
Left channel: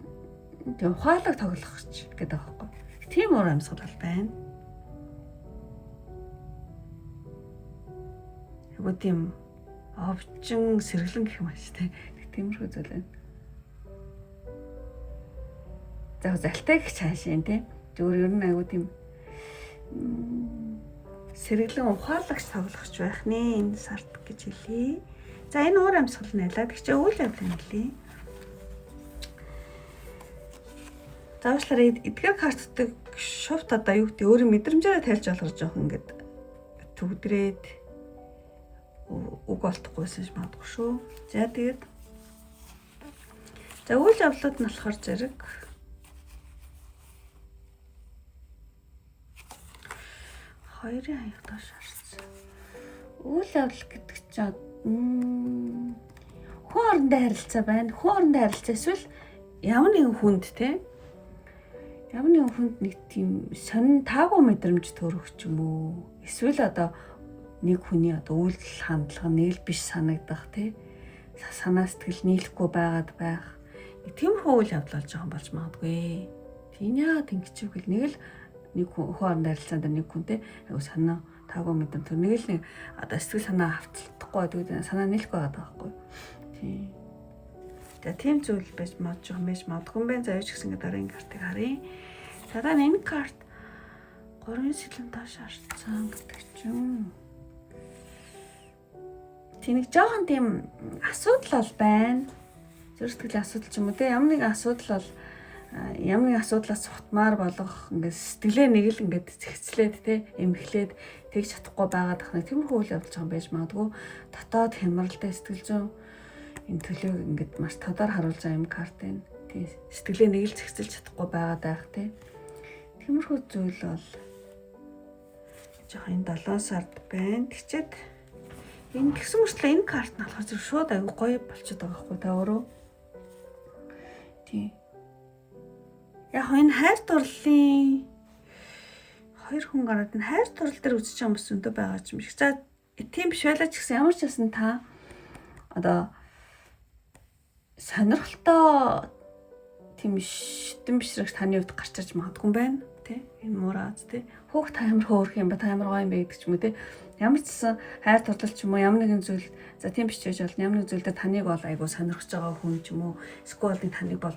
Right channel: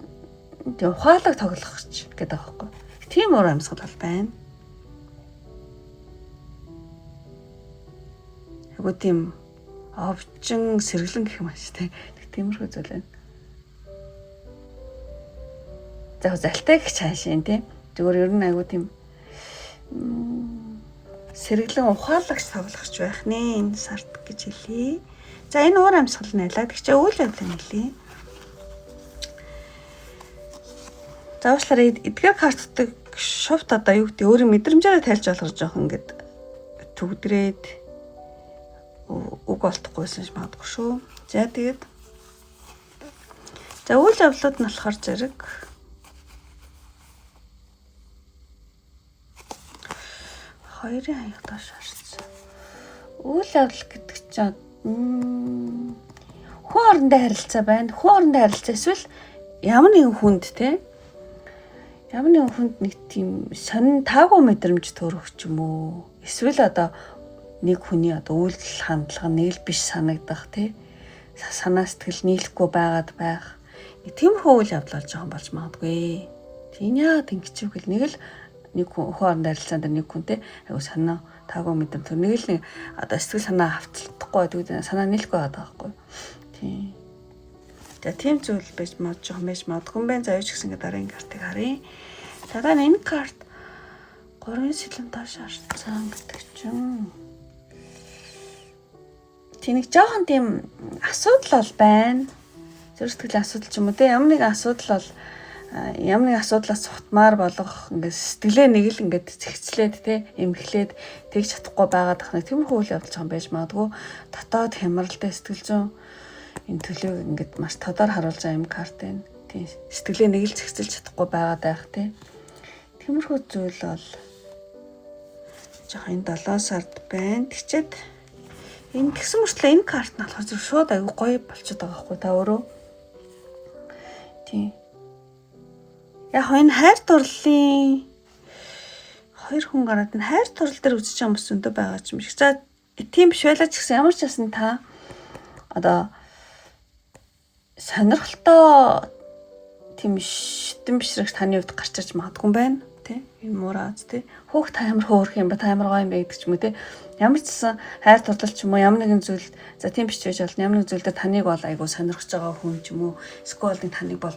тийм ухаалаг тоглохч гэдэг аахгүй. Тийм уур амьсгал бол байна. Айгу тийм овчин сэргэлэн гэх юм ааш тиймэрхүү зүйл байна. За залтай гэх цаашаа тийм зүгээр ер нь айгу тийм сэргэлэн ухаалагч тоглохч байх нэ энэ сард гэж хэлье. За энэ уур амьсгал нэлээд тэгчээ үйл явдлыг нэлээ. За уучлаарай эдгээр картдаг шовт одоо юу гэдэг өөрийн мэдрэмжээрээ тайлж болгож жоох ингээд төгдрээд үг олдохгүйсэн ч магадгүй шүү. За тэгээд за үйл явдлууд нь болохоор зэрэг хоёрын хаяг доош орсон. Үйл явдал гэдэг чинь хүн хоорондоо харилцаа байна. Хүн хоорондоо харилцаа эсвэл ямар нэгэн хүнд те ямар нэгэн хүнд нэг тийм сонин таагүй мэдрэмж төрөх ч юм уу. Эсвэл одоо нэг хүний одоо үйлдэл хандлага нэг л биш санагдах те санаа сэтгэл нийлэхгүй байгаад байх. Тиймэрхүү үйл явдал болж байгаа юм болж магадгүй. Тийм яа тэнгичвэг л нэг л нэг хүн хоорондоо харилцаанд нэг хүнтэй айгу санаа таагүй мэдрэмж төр нэг л нэг одоо сэтгэл санаа хавцлахгүй байдаг санаа нийлэхгүй байдаг байхгүй. Тийм. За тийм зүйл байж магадгүй байна. За юу ч гэсэн дараагийн картыг харъя. Дараа нь энэ карт 3 сэлэн доош орсон гэдэг чинь. Тэнийг жоохон тийм асуудал бол байна. Зүрх сэтгэлийн асуудал ч юм уу те ямар нэгэн асуудал бол ямар нэг асуудлаас сутмаар болох ингээд сэтгэлээ нэг л ингээд зэгцлээд те эмхлээд тэгж чадахгүй байгаад ах нэг тиймэрхүү үйл явдал жоохон байж магадгүй. Дотоод хямралтай сэтгэл зүйн энэ төлөөг ингээд маш тодор харуулж байгаа юм карт байна. Тийм сэтгэлээ нэг л зэгцэлж чадахгүй байгаад байх те. Тиймэрхүү зүйл бол жоохон энэ 7 сард байна. Тэгчээд энэ тэгсэн мөртлөө энэ карт нь болохоор шууд аягүй гоё болчиход байгаа байхгүй та өөрөө. Тийм. Яг энэ хайр дурлалын хоёр хүн гараад энэ хайр дурлал дээр үзэж байгаа хүмүүс өндөө байгаа юм шиг. За тийм биш байлаа ч гэсэн ямар ч байсан та одоо сонирхолтой тийм шитэн бишрэг таны хувьд гарч ирж магадгүй юм байна тий. Энэ муурааз тий. Хөөх та амар хөөрх юм ба та амар гоё юм бэ гэдэг ч юм уу тий. Ямар ч гэсэн хайр дурлал ч юм уу ямар нэгэн зүйл за тийм биш байж болно. Ямар нэгэн зүйл дээр таныг бол айгуу сонирхож байгаа хүн ч юм уу эсвэл таныг бол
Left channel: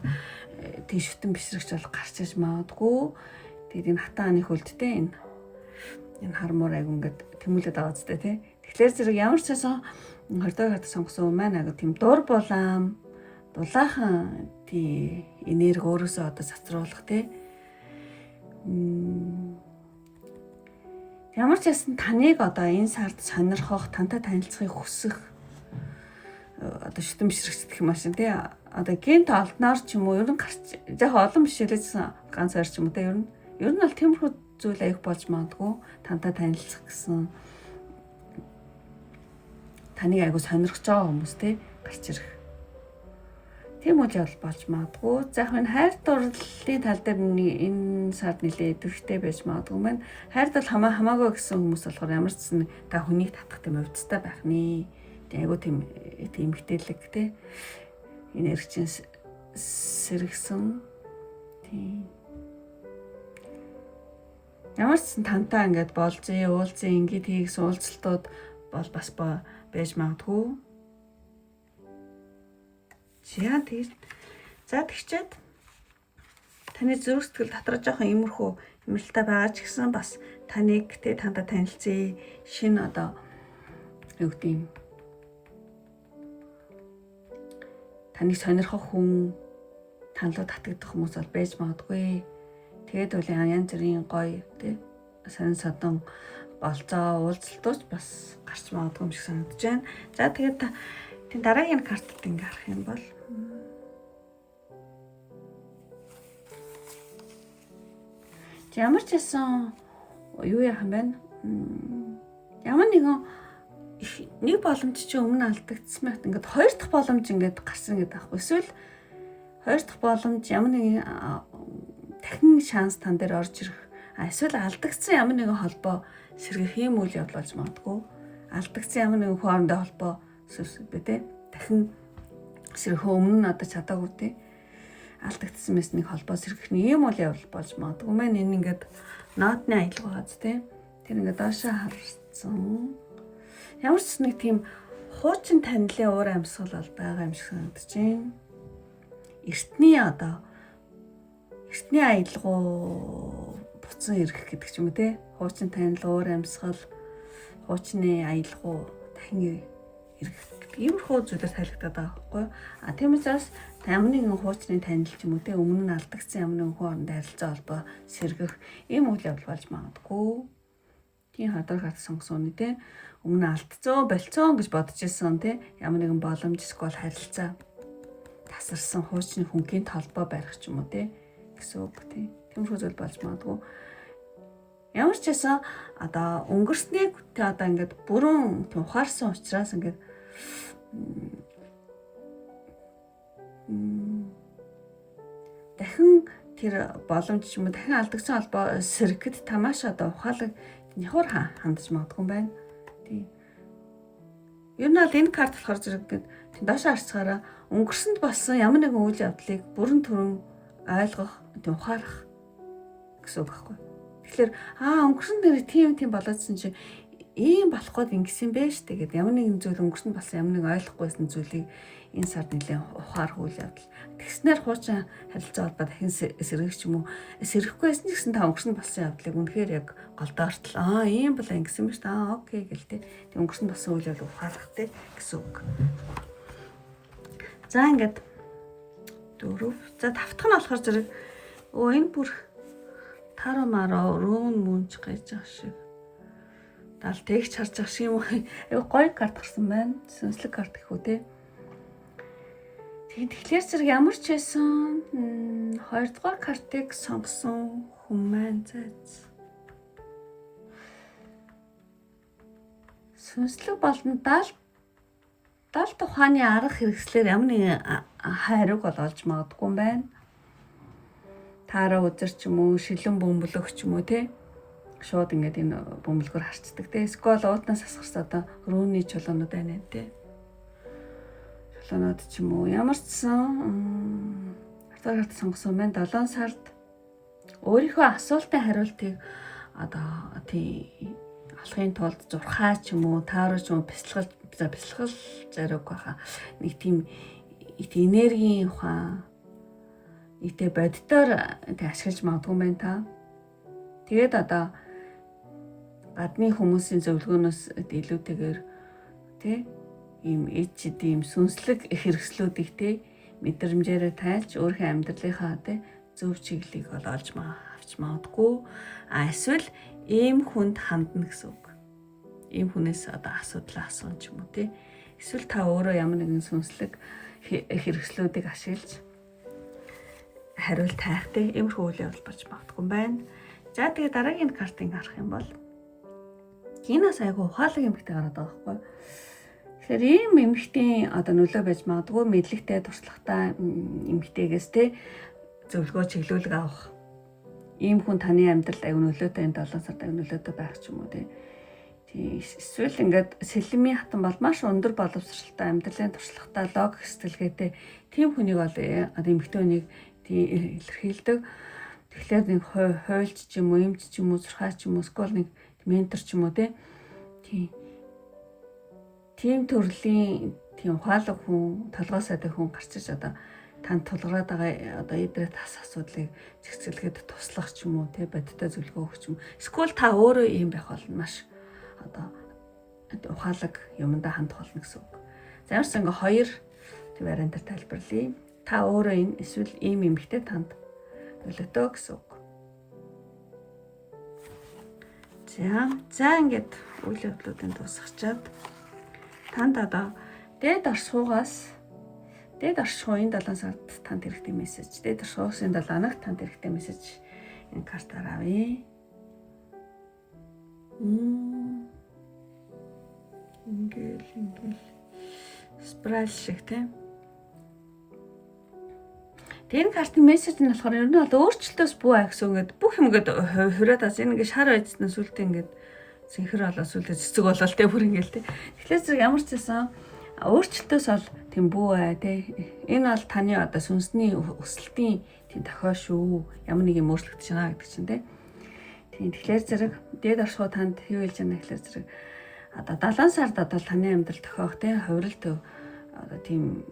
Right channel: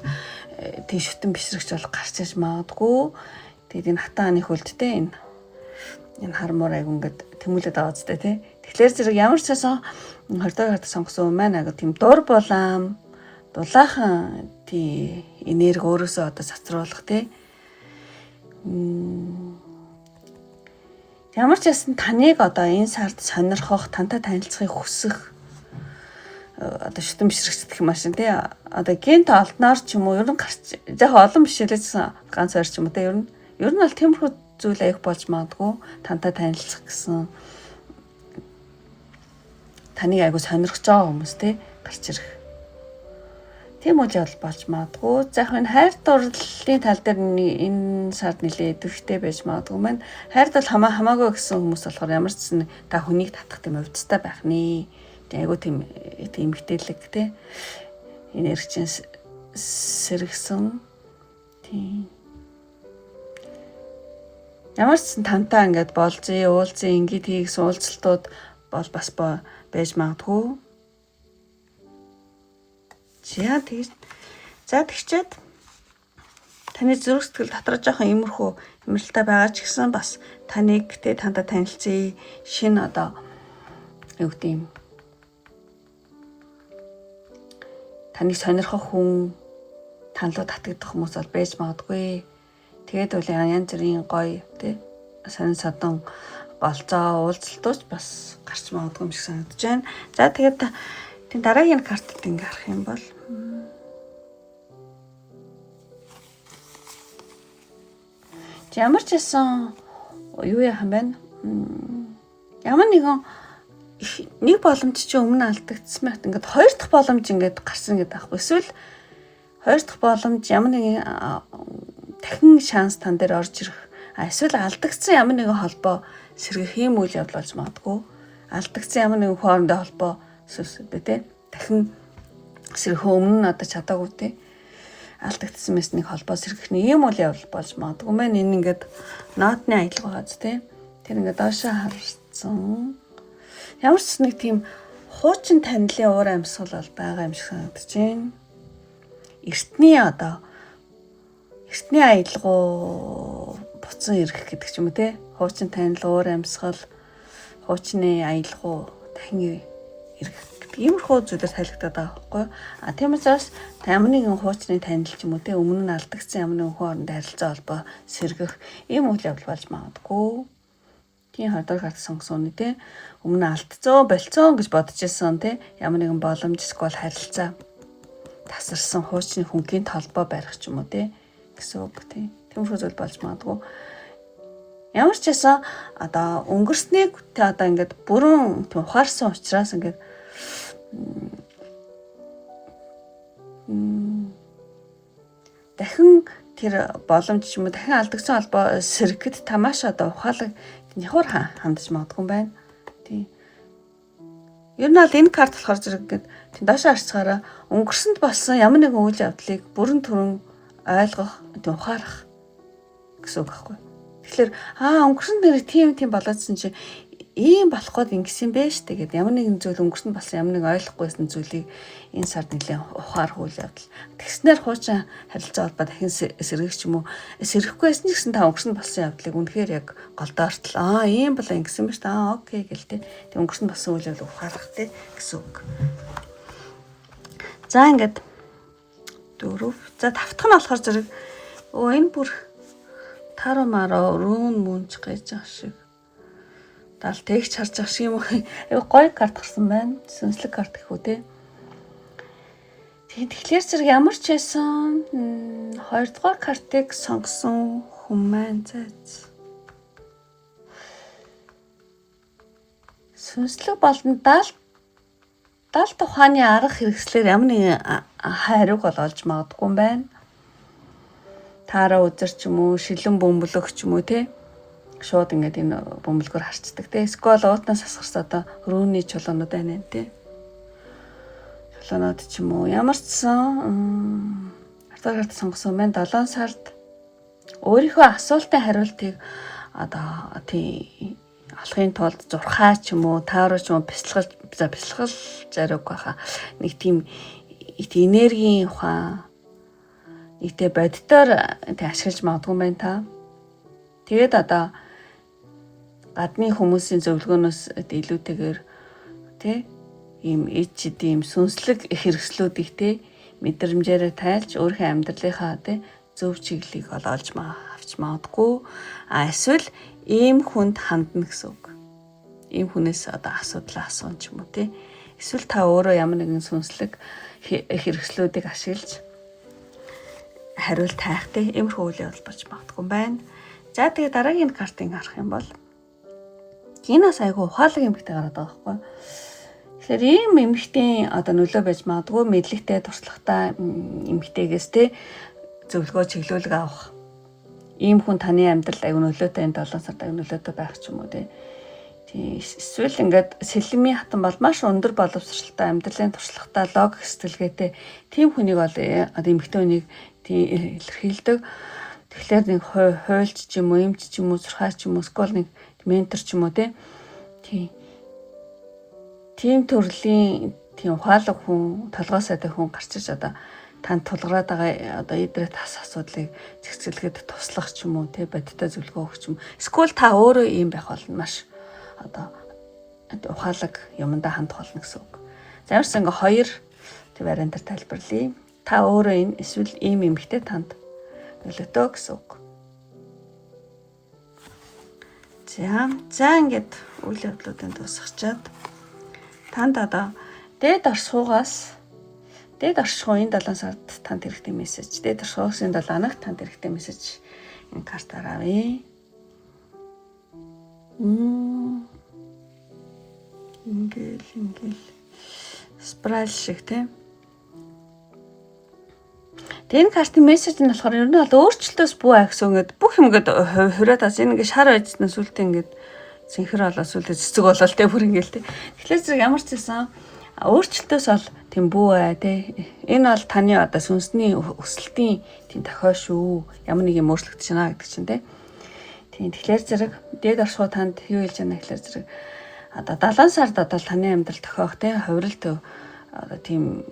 тийм шүтэн бишрэгч бол гарч ирж магадгүй. Тэгээд энэ хатан аны хөлдтэй энэ хармуур айгуу ингээд тэмүүлээд байгаа зү тий. Тэгэхээр зэрэг ямар ч байсан 20 дахь хат сонгосон юм байна айгуу тийм дур булаам дулаахан тий энерги өөрөөсөө одоо цацруулах тий. Ямар ч байсан таныг одоо энэ сард сонирхох, тантай танилцахыг хүсэх одоо шүтэн бишрэгч гэх юм ашин тий. Одоо гент олдноор ч юм уу ер нь гарч яг олон биш л гэсэн ганц ойр ч юм уу тий. Ер нь бол тиймэрхүү зүйл аявих болж магадгүй. Тантай танилцах гэсэн таныг айгуу сонирхож байгаа хүмүүс тий гарч ирэх. Тийм үйл явдал болж магадгүй. За яг энэ хайр дурлалын тал дээр энэ сард нэлээд идэвхтэй байж магадгүй маань. Хайрд бол хамаагүй гэсэн хүмүүс болохоор ямар ч зүйл та хүнийг татах тийм өвдөлттэй байх нэ. Айгуу тийм эмгтээлэг тий. Энергийн сэргсэн. Тийм. Ямар ч зүйл тантай ингээд болзъя, уулзъя, ингээд хийгс уулзалтууд бол бас байж магадгүй. За тэгчээд таны зүрх сэтгэл дотроо жоохон иймэрхүү хэмнэлттэй байгаа ч гэсэн бас таныг тэ тантай танилцъя шинэ одоо юу гэдэг юм таныг сонирхох хүн танлуу татагдах хүмүүс бол байж магадгүй. Тэгээд үл янз бүрийн гоё тэ сонин садан болцоо уулзалтууч бас гарч магадгүй юм шиг санагдаж байна. За тэгээд тийм дараагийн картад ингээ харах юм бол ямар ч байсан юу яхан байна. Ямар нэгэн нэг боломж чи өмнө алдагдсан байт ингээд хоёр дахь боломж ингээд гарсан гэдэг аахгүй. Эсвэл хоёр дахь боломж ямар нэгэн дахин шанс тань дээр орж ирэх. Эсвэл алдагдсан ямар нэгэн холбоо сэргэх юм үйл явдал болж магадгүй. Алдагдсан ямар нэгэн хоорондоо холбоо бэ те дахин сэрхүү өмнө нь одоо чадаагүй те алдагдсан мэс нэг холбоо сэргэх нэг юм үйл явдал болж магадгүй мэн энэ ингээд наадны аялал байгаа зү те тэр ингээд доошоо харсан ямар ч нэг тийм хуучин танилын уур амьсгал бол байгаа юм шиг санагдаж байна. Эртний аялгуу буцан ирэх гэдэг ч юм уу те хуучин танил уур амьсгал хуучны аялгуу дахин ирэх гэдэг иймэрхүү зүйлээр тайлбардаг байхгүй. Тийм учраас ямар нэгэн хуучны танил ч юм уу те өмнө нь алдагдсан ямар нэгэн хоорондын харилцаа холбоо сэргэх ийм үйл явдал болж магадгүй. Тийм хоёрдугаар карт сонгосон үний те өмнө алдцсан болцсон гэж бодож ирсэн те ямар нэгэн боломж эсвэл харилцаа тасарсан хуучны хүнгийн толбоо барих ч юм уу те гэсэн үг те. Тиймэрхүү зүйл болж магадгүй. Ямар ч байсан одоо өнгөрснийг те одоо ингээд бүрэн ухаарсан учраас ингээд дахин тэр боломж ч юм уу дахин алдагдсан холбоо сэргэхэд тамааш одоо ухаалаг нихур хандаж магадгүй юм байна. Тийм. Ер нь бол энэ карт болохоор зэрэг ингээд тийм доошоо харцгаараа өнгөрсөнд болсон ямар нэгэн үйл явдлыг бүрэн түрэн ойлгох, тийм ухаарах гэсэн үг байхгүй. Тэгэхээр өнгөрсөн дээр тийм болоодсэн чи ийм болох гээд ингэсэн бэ штэ гэдэг ямар нэгэн зүйл өнгөрсөнд болсон ямар нэгэн ойлгохгүйсэн зүйлийг энэ сард нэлээд ухаарах үйл явдал. Тэгснээр хуучин харилцаа холбоо дахин сэргэх ч юм уу сэргэхгүй байсан ч гэсэн та өнгөрсөнд болсон явдлыг үнэхээр яг голдоортол ийм болоо ингэсэн ба штэ окей гэл тэ. Тэг өнгөрсөнд болсон үйл явдлыг ухаарах тэ гэсэн үг. За ингээд 4. За тавтах нь болохоор зэрэг энэ бүр таро маро рүүн мөнч гэж ах шиг дал тэгч харж ах шиг юм уу гоё карт гарсан байна. Сүнслэг карт гэх үү те. Тэгэхээр зэрэг ямар ч байсан 2 дугаар картыг сонгосон хүн маань зайц. Сүнслэг болон 70 тухааны арга хэрэгслээр ямар нэгэн хариуг олж магадгүй юм байна. Таараа үзэр ч юм уу, шилэн бөмбөлөг ч юм уу те. Шууд ингээд энэ бөмбөлгөөр харцдаг те. Эсвэл уутнаас асгарс одоо рүүний чулуунууд байна те. Чулуунууд ч юм уу. Ямар ч сан артагаарт сонгосон байна. 7 сард өөрийнхөө асуултын хариултыг одоо тий олохын тулд зурхаа ч юм уу, тааруу ч юм уу бясалгал зариуг байхаа. Нэг тийм энергийн ухаан нэгтэй боддоор тэг ашиглаж магадгүй байна та. Тэгээд одоо гадны хүмүүсийн зөвлөгөөнөөс илүүтэйгээр тий ийм эд ийм сүнслэг хэрэгслүүдийг тий мэдрэмжээр тайлж өөрийнхөө амьдралынхаа тий зөв чиглэлийг олж авч магадгүй. Эсвэл ийм хүнд хандна гэсэн үг. Ийм хүнээс одоо асуудал асуун ч юм уу тий. Эсвэл та өөрөө ямар нэгэн сүнслэг хэрэгслүүдийг ашиглаж хариулт тайхтай иймэрхүү үйл явдал болж магадгүй байна. За тэгээ дараагийн картыг харах юм бол Гинас айгу ухаалаг эмэгтэй гараад байгаа байхгүй. Тэгэхээр ийм эмэгтэй одоо нөлөө байж магадгүй мэдлэгтэй туршлагатай эмэгтэйгээс те зөвлөгөө чиглүүлэг авах. Ийм хүн таны амьдралд айгу нөлөөтэй энэ 7 сард айгу нөлөөтэй байх ч юм уу те. Эсвэл ингээд сэлмийн хатан бол маш өндөр боловсралтай амьдралын туршлагатай логик сэтгэлгээтэй тийм хүнийг бол одоо эмэгтэй хүнийг илэрхийлдэг. Тэгэхээр нэг хуйлч ч юм уу, эмч ч юм уу, зурхаач ч юм уу, скол нэг ментор ч юм уу тийм төрлийн тийм ухаалаг хүн, толгой сайтай хүн гарч иж одоо танд тулгараад байгаа одоо эдрээ тас асуудлыг зэгцэлгээд туслах ч юм уу, бодиттой зөвлөгөө өгч юм. Скол та өөрөө ийм байх болно маш одоо ухаалаг юмдаа хандах болно гэсэн үг. За ямарс ингээ хоёр вариантаар тайлбарлая. Та өөрөө энэ эсвэл ийм эмэгтэй танд нөлөөтэй гэсэн үг. За ингээд үйл явдлуудын дуусгачаад танд одоо дээд оршихугаас дээд оршихуй энэ 7 сард танд хэрэгтэй мессеж, дээд оршихугаас энэ 7 хоногт танд хэрэгтэй мессеж энэ картаар авъя. Ингээл спрайс шиг тийм. Энэ картын мессеж нь болохоор ер нь бол өөрчлөлтөөс бүү гэсэн ингээд бүх юм ингээд хураад ас энэ ингээд шар байжснаас үлдээ ингээд синхэр болоод сүлдө цэцэг болоод тэ бүр ингээл тэ. Тэгэхээр зэрэг ямар ч байсан өөрчлөлтөөс бол тийм бүү тэ. Энэ бол таны одоо сүнсний өсөлтийн тийм дохио шүү. Ямар нэг юм өөрчлөгдөж байна гэдэг чинь тэ. Тийм тэгэхээр зэрэг дээд оршихуй танд юу хэлж байна гэхээр зэрэг одоо 70 сард одоо таны амьдрал тохиох тэ хувиралт одоо тийм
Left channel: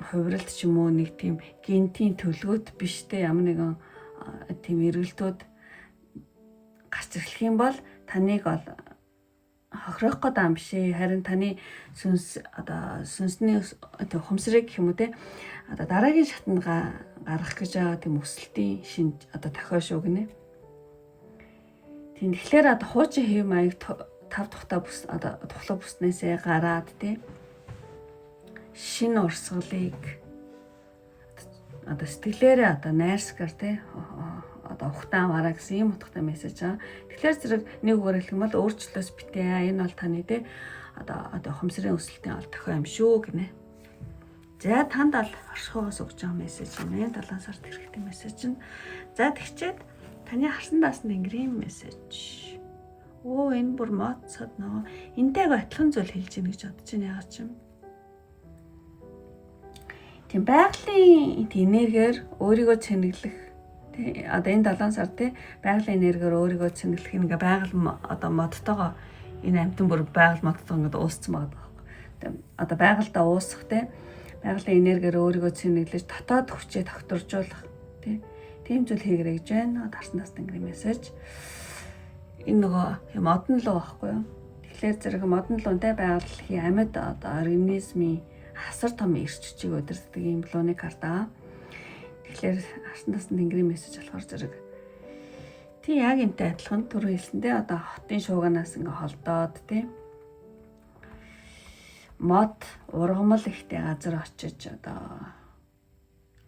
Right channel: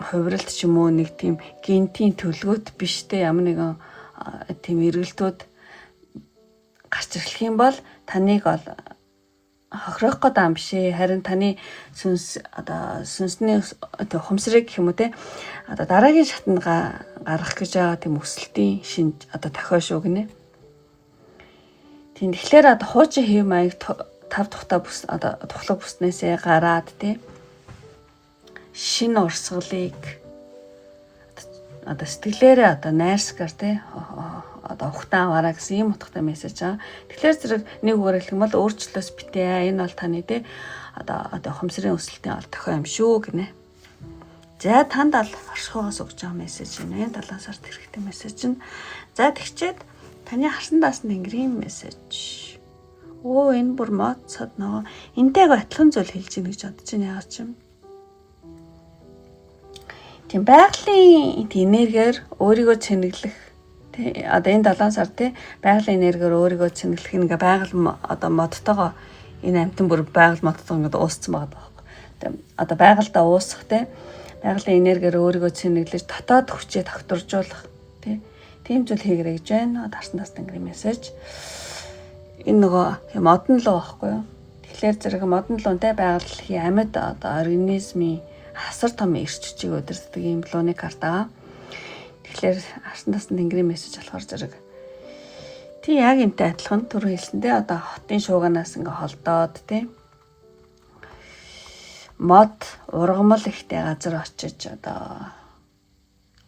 хувиралт ч юм уу нэг тийм гентийн төлөвөт биш тэ ямар нэгэн тийм эргэлтүүд гарч ирэхлэх юм бол таныг бол хохирох гэдэг юм биш ээ. Харин таны сүнсний ухамсарыг гэх юм уу те одоо дараагийн шатнд гаргах гэж байгаа тийм өсөлтийн шинж тохио шүү гинэ. Тийм тэгэхээр хуучин хэв маяг тав тухтай тухлаг бүснээсээ гараад те шинэ урсгалыг сэтгэлээрээ найрсгаар те ухтаан аваараа гэсэн ийм утгатай мессеж байгаа. Тэгэхээр зэрэг нэг үгээр хэлэх юм бол өөрчлөлөөс битээ. Энэ бол таны те ухамсарын өсөлтийн тохио юм шүү гинэ. За танд ал оршихоос өгч байгаа мессеж юм ээ. 7 сард хэрэгтэй мессеж нь. За тэгчээд таны харсан даасан тэнгэрийн мессеж. Энэ бүр мод цад нөгөө энтэйг адилхан зүйл хэлж ийн гэж бодож байна яагаад ч юм. Тийм байгалийн энергиэр өөрийгөө цэнэглэх энэ 7 сар байгалийн энергиэр өөрийгөө цэнэглэх ингээ байгаль модтойгоо энэ амтан бүр байгаль модтойгоо ингээ уусцсан байгаа байхгүй. Байгальдаа уусах байгалийн энергиэр өөрийгөө цэнэглэж дотоод хүчээ тогтворжуулах тийм зүйл хийгэрэй гэж байна. Дарсан тас тэнгэрийн мессеж. Энэ нөгөө модон луу байхгүй юу? Тэгэхээр зэрэг модон луунтай байгалийн амьд организмын асар том эрч хүчийг удирддаг юм лууны карта. Тэгэхээр арсан тасны тэнгэрийн мессеж болохоор зэрэг тий яг энтэй адилхан түр хэлсэндээ хотын шууганаас ингээ холдоод мод ургамал ихтэй газар очиж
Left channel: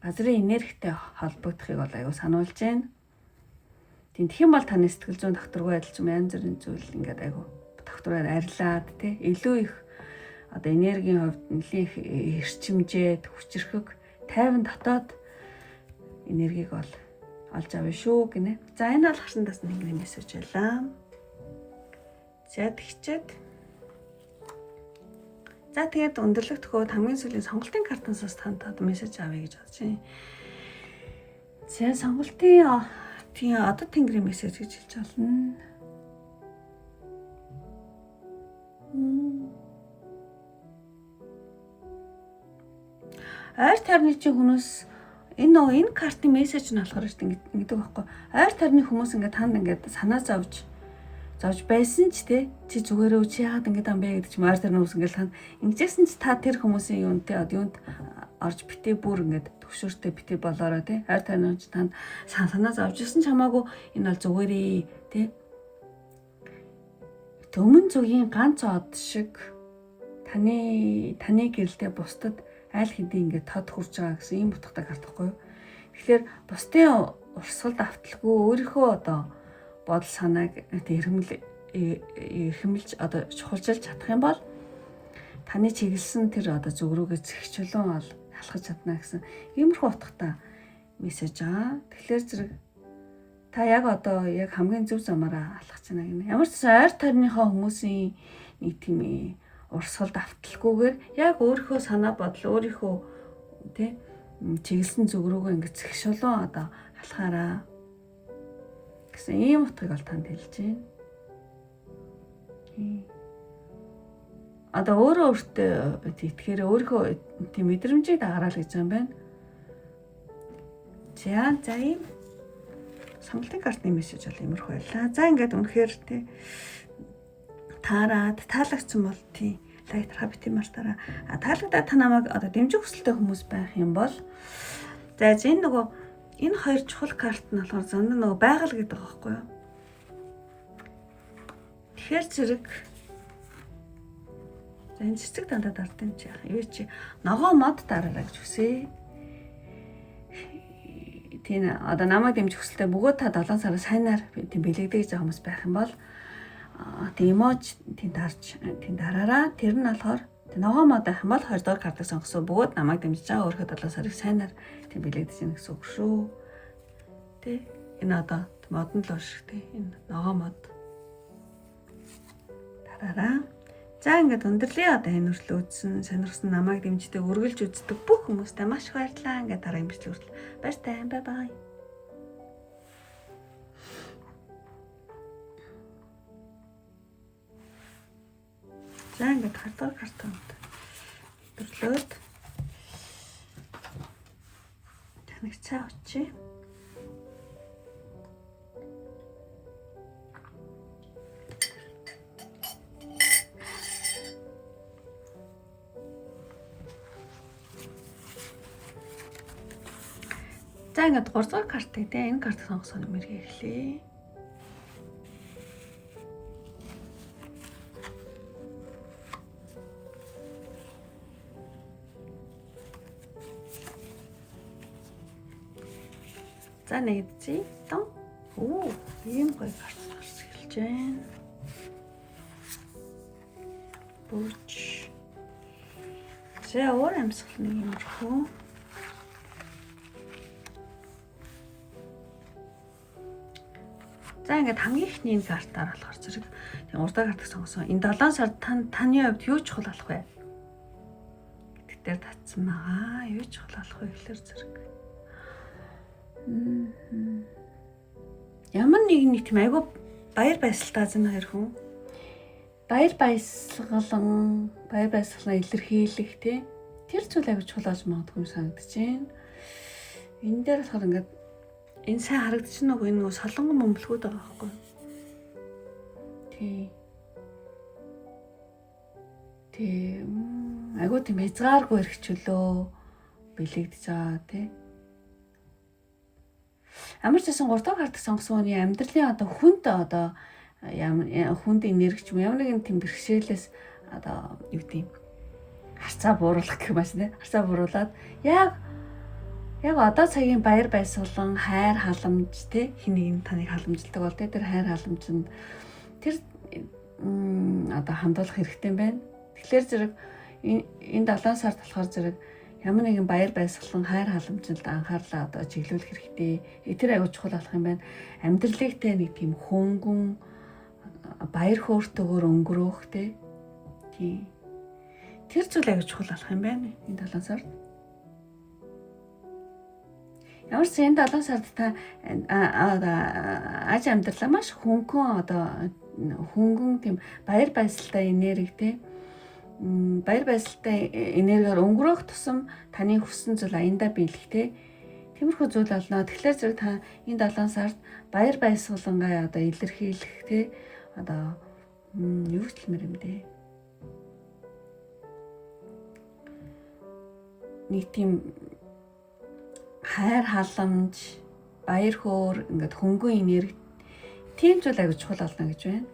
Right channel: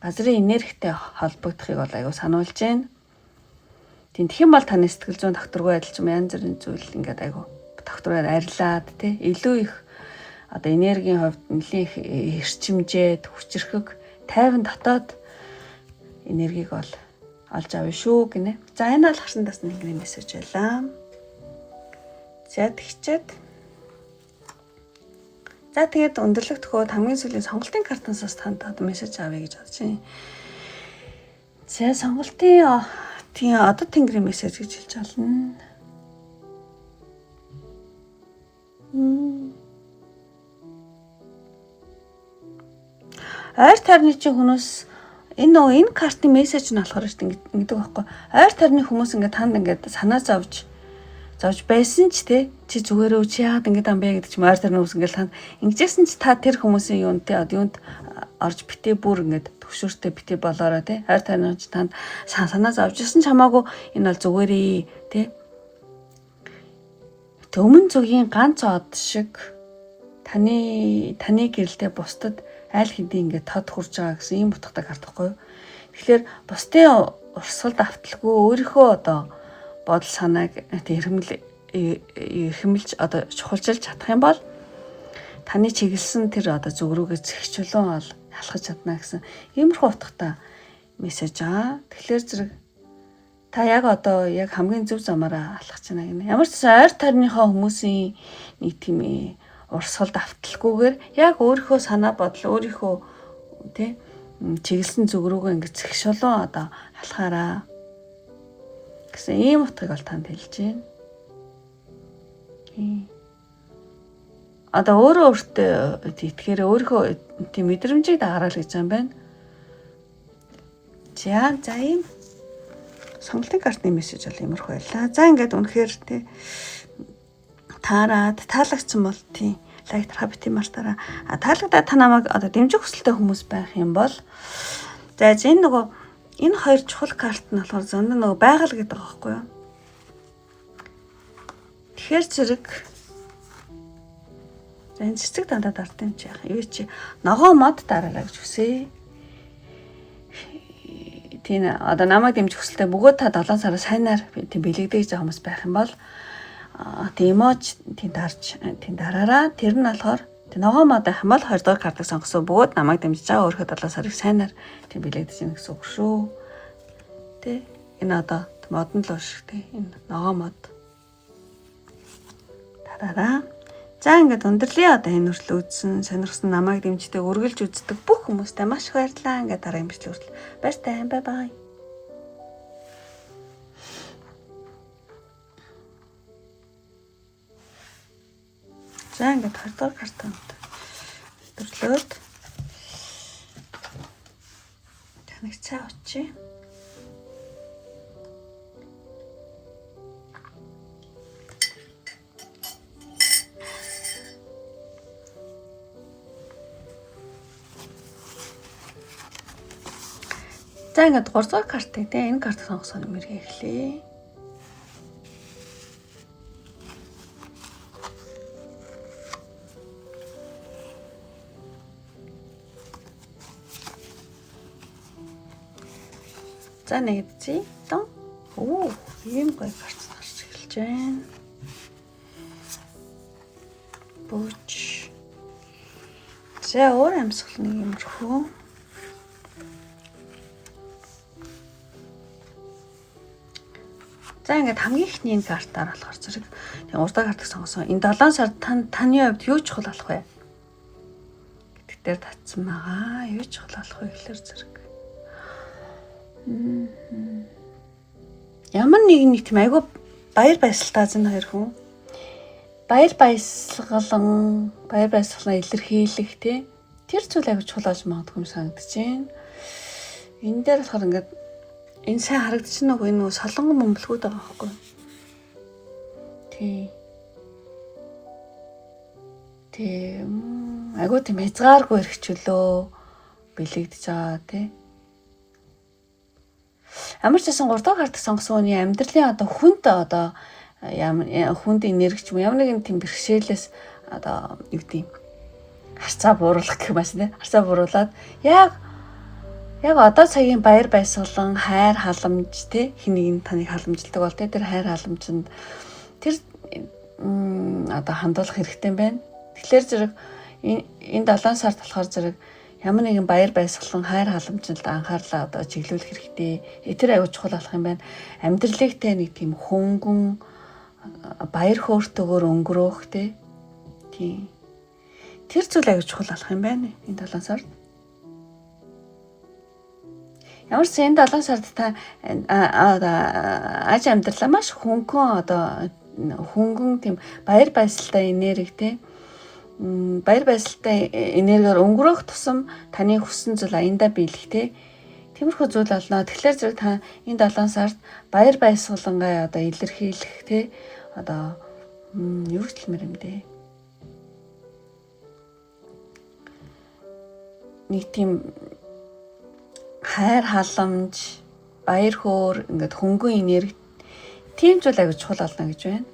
газрын энергитэй холбогдохыг бол аягүй сануулж байна. Тэгэх юм бол таны сэтгэл зүйн докторгүй адилж янз бүрийн зүйл ингээд аягүй доктороор арилаад илүү их энергийн хувьд нэлийн эрчимжээд хүчрхэг тайван дотоод энергийг бол олж авна шүү гинэ. За энэ бол харсан тасны тэнгэрийн мессеж байлаа. За тэгчээд тэгээд өндөрлөх төхөөд хамгийн сүүлийн сонголтын картансаас танд мессеж авъя гэж бодож байна. За сонголтын тэнгэрийн мессеж гэж хэлж байна. Ойр тайрны чинь хүмүүс энэ картын мессеж нь болохоор ингэдэг байхгүй. Ойр тайрны хүмүүс ингээд танд ингээд санаа зовж байсан ч чи зүгээрөө чи яагаад ингэж ам бэ гэдэг чи ойр тайрны хүмүүс ингээд танд ингэжсэн ч та тэр хүмүүсийн юунд орж битээ бүр ингээд төвшөртэй битээ болоорой ойр тайрны ч танд санаа зовж ирсэн ч хамаагүй энэ бол зүгээрээ өмнө зүгийн ганц од шиг таны гэрэлтэй бусдад аль хэдийн ингээд тод хурж байгаа гэсэн ийм утгатай карт байхгүй юу. Тэгэхээр бусдын урсгалд авталгүй өөрийнхөө бодол санааг эрхэмлж чухалчилж чадах юм бол таны чиглэсэн тэр зүг рүүгээ зэгчлэн бол ялхаж чадна гэсэн иймэрхүү утгатай мессеж аа. Тэгэхээр зэрэг та яг хамгийн зөв замаараа алхаж байна гэнэ. Ямар ч ойр тайрныхаа хүмүүсийн нэг тийм урсгалд авталгүйгээр яг өөрийнхөө санаа бодол өөрийнхөө чиглэсэн зүг рүүгээ ингэ зэгшүүлэн алхаараа гэсэн ийм утгыг бол танд хэлж байна. Өөрөө өөртөө тэгэхээр өөрийнхөө тийм мэдрэмжийг дагараал гэж юм байна. За ийм сонголтын картны мессеж бол иймэрхүү байлаа. За ингээд үнэхээр таарад таалагдсан бол лайк хабити мартаараа таалагдаад та намайг дэмжих хүсэлтэй хүмүүс байх юм бол за энэ хоёр чухал карт нь болохоор зөндөө байгаль гэдэг байгаа байхгүй юу. Тэгэхээр зэрэг энэ цэцэг дандаа дард юм чи яах юу чи ногоо мод дараалаа гэж хүсье. Тийм намайг дэмжих хүсэлтэй бөгөөд та 7 сараа сайнаар бэлэгдэж байгаа хүмүүс байх юм бол эмоч дараараа тэр нь болохоор ногоо мод байх юм бол 20 дугаар картыг сонгосон бөгөөд намайг дэмжиж байгаа өөрийнхөө 7 сарыг сайнаар бэлэгдэж гэнэ гэсэн үг шүү. Энэ модон л шиг энэ ногоо мод дараараа. За ингээд өндөрлөе энэ хүртэл үзсэн сонирхсан намайг дэмждэг үргэлж үздэг бүх хүмүүстээ маш их баярлалаа. Ингээд дараагийн бичлэг хүртэл баяртай. Бай бай. За ингээд 20 дугаар картанд өдөрлөөд таныг цаа очие. За ингээд 3 дугаар картыг те энэ картыг сонгосон мэргээ эхлэе. За нэгдчихье. Тон. Оо, ийм гоё карт гарч эхэлж байна. Бууч. За өөр амьсгал нэг юм рүү. За ингээд хамгийн ихний энэ картаар болохоор зэрэг тийм урдаа картыг сонгосон. Энэ 7 сард таны хувьд юу чухал болох вэ? Гэдэг дээр татсан байгаа. Юу чухал болох вэ гэхээр зэрэг. Ямар нэг тийм айгүй баяр баясгалтай зэн хоёр хүн. Баяр баясгалан илэрхийлэх тий. Тэр зүйл айгүй чухал болж магадгүй юм санагдаж байна. Энэ дээр болохоор ингээд энэ сайн харагдчихна уу энэ солонгон бөмбөлгүүд байгаа байхгүй. Тий. Айгүй тийм хязгааргүй эрхчлөө бэлэгдэж байгаа тий. Ямар ч байсан 3 дахь картыг сонгосон хүний амьдралын одоо хүнд одоо хүнд энерги ч юм ямар нэгэн тийм бэрхшээлээс одоо юу гэдэг юм харцаа бууруулах гэх юм байна тий. Харцаа бууруулад яг одоо цагийн баяр баясгалан хайр халамж тий хин нэг нь таныг халамжилдаг бол тий тэр хайр халамжинд тэр одоо хандуулах хэрэгтэй юм байна. Тэгэхээр зэрэг энэ 7 сард болохоор зэрэг ямар нэгэн баяр баясгалан хайр халамжинд анхаарлаа одоо чиглүүлэх хэрэгтэй. Тэр аюул чухал болох юм байна. Амьдралыг те нэг тийм хөнгөн баяр хөөртэйгээр өнгөрөөх те. Тийм. Тэр зүйл аюул чухал болох юм байна энэ 7 сард. Ямар ч энэ 7 сард та аж амьдралаа маш хөнгөн одоо хөнгөн тийм баяр баясгалтай энерги те. Баяр баясгалтай энергиээр өнгөрөх тусам таны хүссэн зүйл аяндаа биелэх те. Тиймэрхүү зүйл олно. Тэгэхээр зэрэг та энэ 7 сард баяр баясгалангаа одоо илэрхийлэх те. Одоо юу хэлмээр юм бэ? Нэг тийм хайр халамж, баяр хөөр ингээд хөнгөн энерги тийм зүйл аяг чухал олно гэж байна.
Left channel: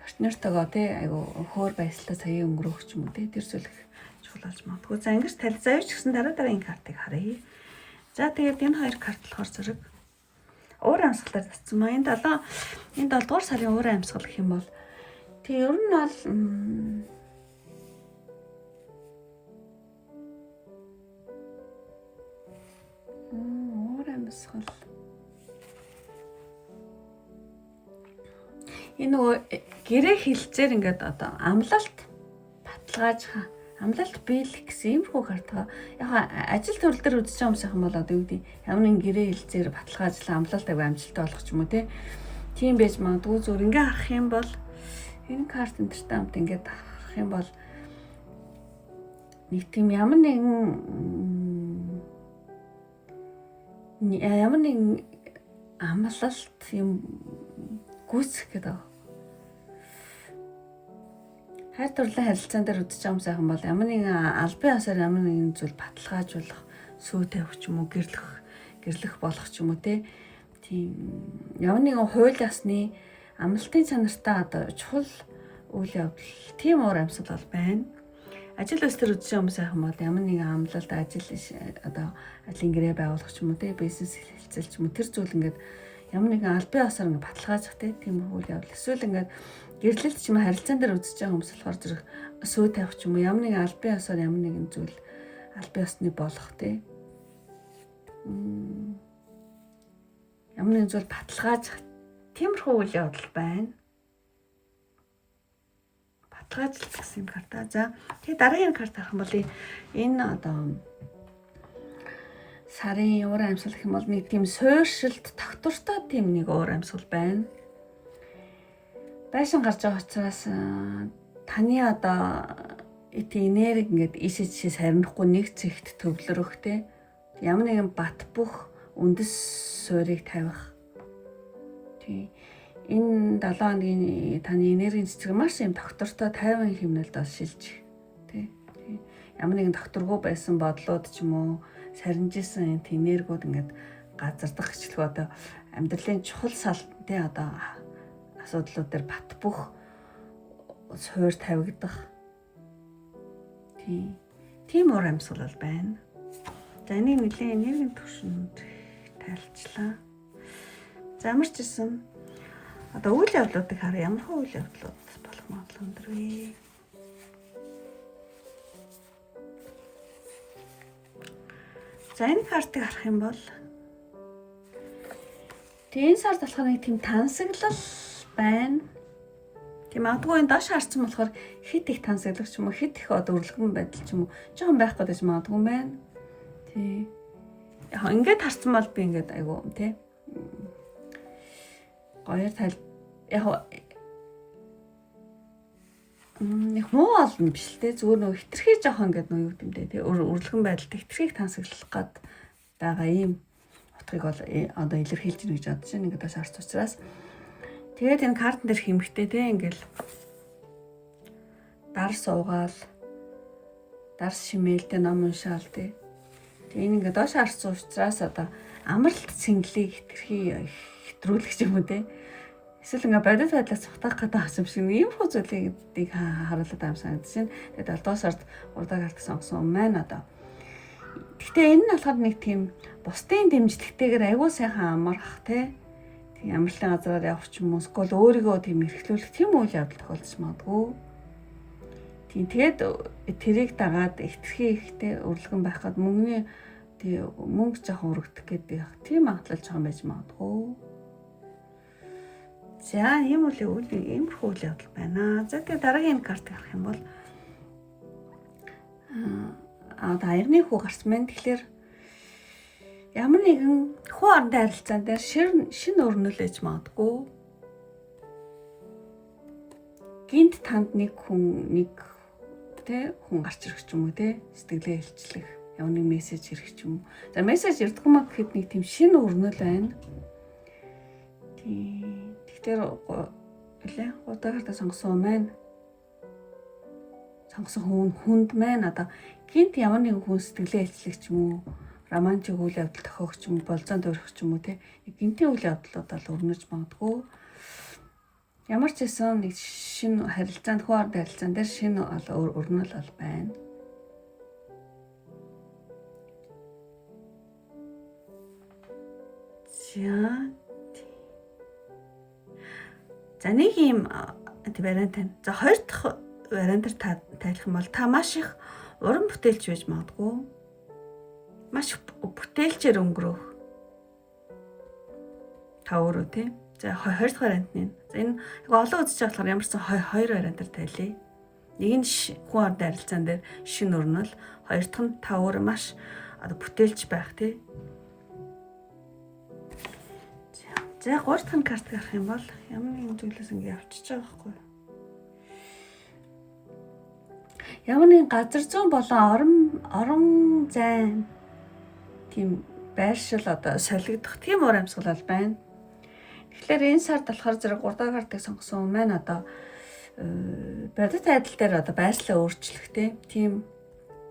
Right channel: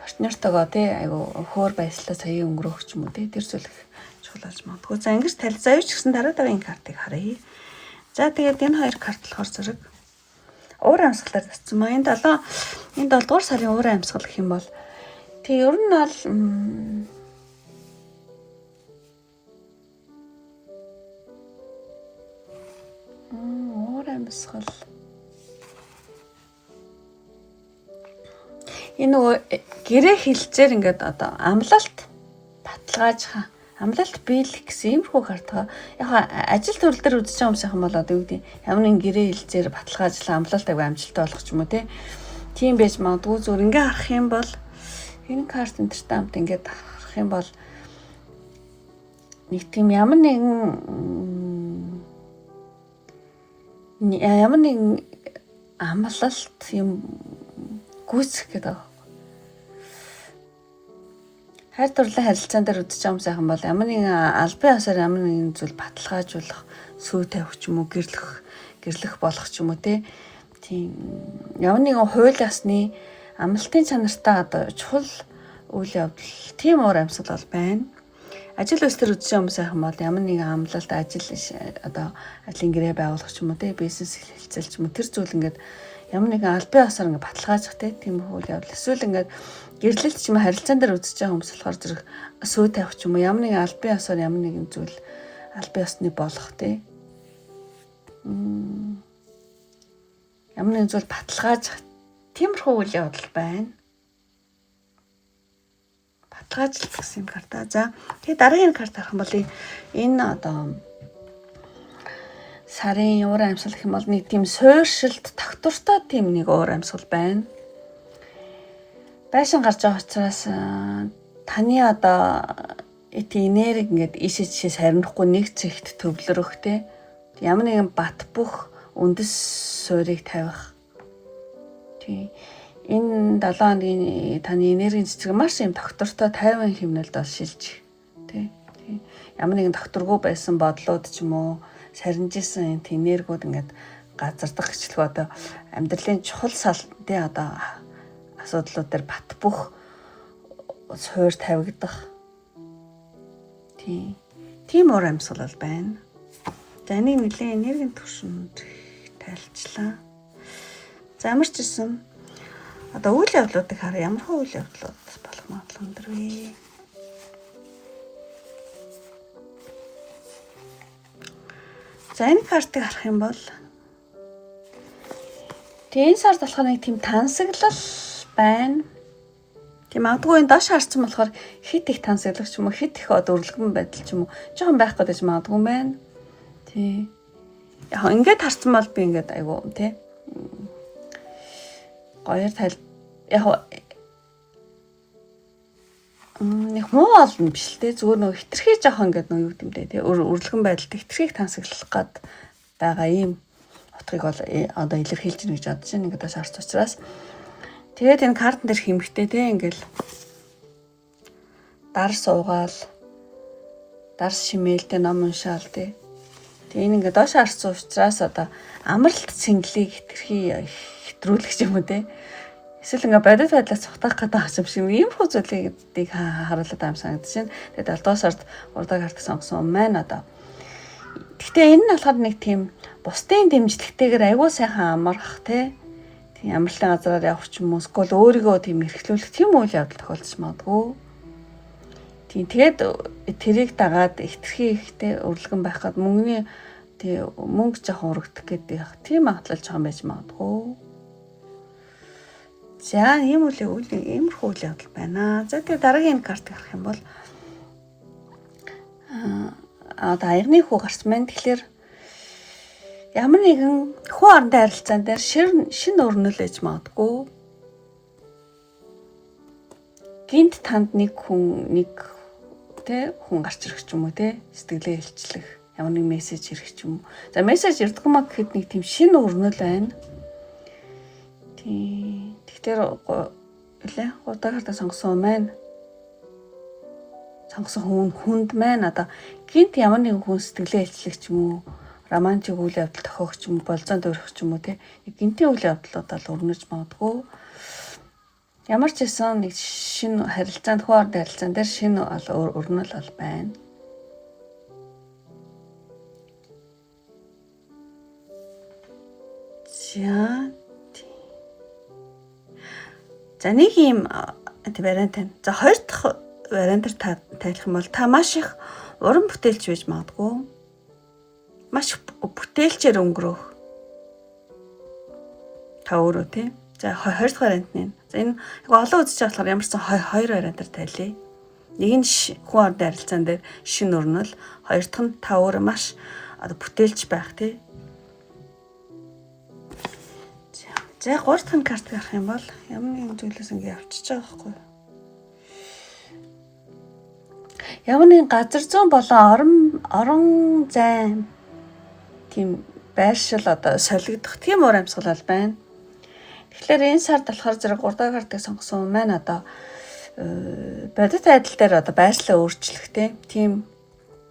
Партнертойгоо тий айгу хөөр баяслаа сая өнгөрөх ч юм уу тий тэр зүйл чухал болж магадгүй. За ингэж талзаа юу ч гэсэн дараагийн картыг харъя. За тэгээд энэ хоёр карт болохоор зэрэг уур амьсгалаар татсан маа. Энэ 7 дугаар сарын уур амьсгал гэх юм бол тэг ер нь бол уур амьсгал энэ нөгөө гэрээ хилцээр ингээд одоо амлалт баталгаажих амлалт биелэх гэсэн иймэрхүү картаа яг ажил төрөл дээр үзэж байгаа юм шиг юм бол одоо юу гэдэг ямар нэгэн гэрээ хилцээр баталгаажлаа амлалт аяг амжилттай болох ч юм уу тийм байж магадгүй зүгээр ингээ харах юм бол энэ карт энтертэй хамт ингээд харах юм бол нэг тийм ямар нэгэн амлалт юм гүйцэх гэдэг. Хайр дурлалын харилцаан дээр үзэж байгаа юм сайхан бол ямар нэгэн албан ёсоор ямар нэгэн зүйл баталгаажуулах, сүү тавих ч юм уу, гэрлэх болох ч юм уу тийм ямар нэгэн хууль ёсны амлалтын чанартай одоо чухал үйл явдал тийм уур амьсгал бол байна. Ажил үйлс төр үзэж байгаа юм сайхан бол ямар нэгэн амлалт одоо ажлын гэрээ байгуулах ч юм уу бизнес хэлцэл ч юм уу тэр зүйл ингээд ямар нэгэн албан ёсоор ингээд баталгаажих тийм үйл явдал эсвэл ингээд гэрлэлт ч юм уу харилцаан дээр үзэж байгаа хүмүүс болохоор зэрэг сүү тавих ч юм уу ямар нэгэн албан ёсоор ямар нэгэн зүйл албан ёсны болох ямар нэгэн зүйл баталгаажих тиймэрхүү үйл явдал байна. Баталгаажлалт гэсэн карта. За тэгээ дараагийн карт харах юм бол энэ одоо сарын уур амьсгал гэх юм бол нэг тийм суурьшилт тогтвортой тийм нэг уур амьсгал байна. Байшин гарч байгаа учраас таны одоо энерги ингээд ийшээ жишээс харинохгүй нэг зэгт төвлөрөх ямар нэгэн бат бөх үндэс суурийг тавих. Энэ 7 хоногийн таны энергийн цэцэг маш юм доктортой тайван хэмнэлд бол шилжих тий. Ямар нэгэн докторгүй байсан бодлууд ч юм уу сарнижсэн энэ энергиуд ингээд газардах гэчлэг одоо амьдралын чухал сал тий одоо асуудлууд дээр бат бөх суур тавигдах тийм уур амьсгал бол байна. За энийг нэлээд энергийн түвшинд тайлцлаа. За ямар ч гэсэн одоо үйл явдлуудыг хараа ямар хөө үйл явдлууд болох магадлал өндөр вэ? За энэ картыг харах юм бол энэ сард болохоор нэг тийм тансаглал байна. Тийм магадгүй энэ доош харсан болохоор хит их тансаглах ч юм уу хит их өрлөгөн байдал ч юм уу жоохон байх гэдэг ч магадгүй байна. Тий. Яг ингээд харсан бол би ингээд айгу тий. Гоёр тал яг нэг муу олно биш л те зүгээр нөгөө хитрхий жоохон ингээд нөгөө юу гэмтэй те өрлөгөн байдалд хитрхийг тансаглах гад байгаа ийм утгыг бол одоо илэрхийлж гэнэ гэж бодож байна. Ингээд шаарц учраас тэгээд энэ картн дээр хэмхтэй те ингээл дар суугаал дар шимээлтэй ном уншаал те. Тэгээ энэ ингээд доош харсан учраас одоо амралт цэнгэлийг хэтрүүлэх юм уу те. Эсвэл ингээд бодит байдлаас цухтах гэдэг юм шиг ийм хөө зүйлийг харуулдаг юм санагдаж байна. Тэгээд 7 дугаар сард урдаг харт сонгосон маань одоо. Гэхдээ энэ нь болохоор нэг тийм бусдын дэмжлэгтэйгээр аягүй сайхан амарх те. Тийм амралтын газараар явах ч юм уу эсвэл өөрийгөө тийм эрхлүүлэх тийм үйл явдал тохиолдож магадгүй. Тийм тэгээд тэрийг дагаад ихтэрхий ихтэй өрлөгөн байхад мөнгөний мөнгө жоохон урагдах гэдэг тийм магадлал жоохон байж магадгүй. За ийм иймэрхүү үйл явдал байна. За тэгээд дараагийн картыг харах юм бол одоо аягны хүү гарсан байна. Тэгэхээр ямар нэгэн хүү орнтой харилцаан дээр шин өрнөлөж магадгүй. Гинт танд нэг хүн гарч ирэх ч юм уу те сэтгэлээ хэлчлэх ямар нэг мессеж ирэх ч юм уу. За мессеж ирдэг маа гэхэд нэг тийм шин өрнөл байна. Тэгэхээр удаа хартаа сонгосон маань сонгосон хүнд маань одоо гинт ямар нэгэн хүн сэтгэлээ хэлчлэх ч юм уу романтик үйл явдал тохиох ч юм уу болзоонд өрөх ч юм уу те гинтийн үйл явдлууд бол өрнөж магадгүй. Ямар ч байсан нэг шинэ харилцаанд хүү орны харилцаан дээр шинэ өрнөл бол байна. За нэг юм вариант байна. За хоёр дахь вариантаар тайлах юм бол та маш их уран бүтээлч байж магадгүй. Маш бүтээлчээр өнгөрөх. Та өөрөө тий. За хоёр дахь вариант нь. За энэ олон үзэж болохоор ямар ч сан хоёр вариантаар тайлъя. Нэг нь хүн орны харилцаан дээр шинэ өрнөл, хоёр дахь нь та өөрөө маш одоо бүтээлч байх тий. За 3 дахь карт гарах юм бол ямар нэгэн зүйлээс ингэ явчихж байгаа байхгүй. Ямар нэгэн газар зүүн болон орон зайн тийм байршил одоо солигдох тийм уур амьсгал байна. Тэгэхээр энэ сард болохоор зэрэг 3 дахь картыг сонгосон маань одоо бодит байдал дээр одоо байршлаа өөрчлөх тийм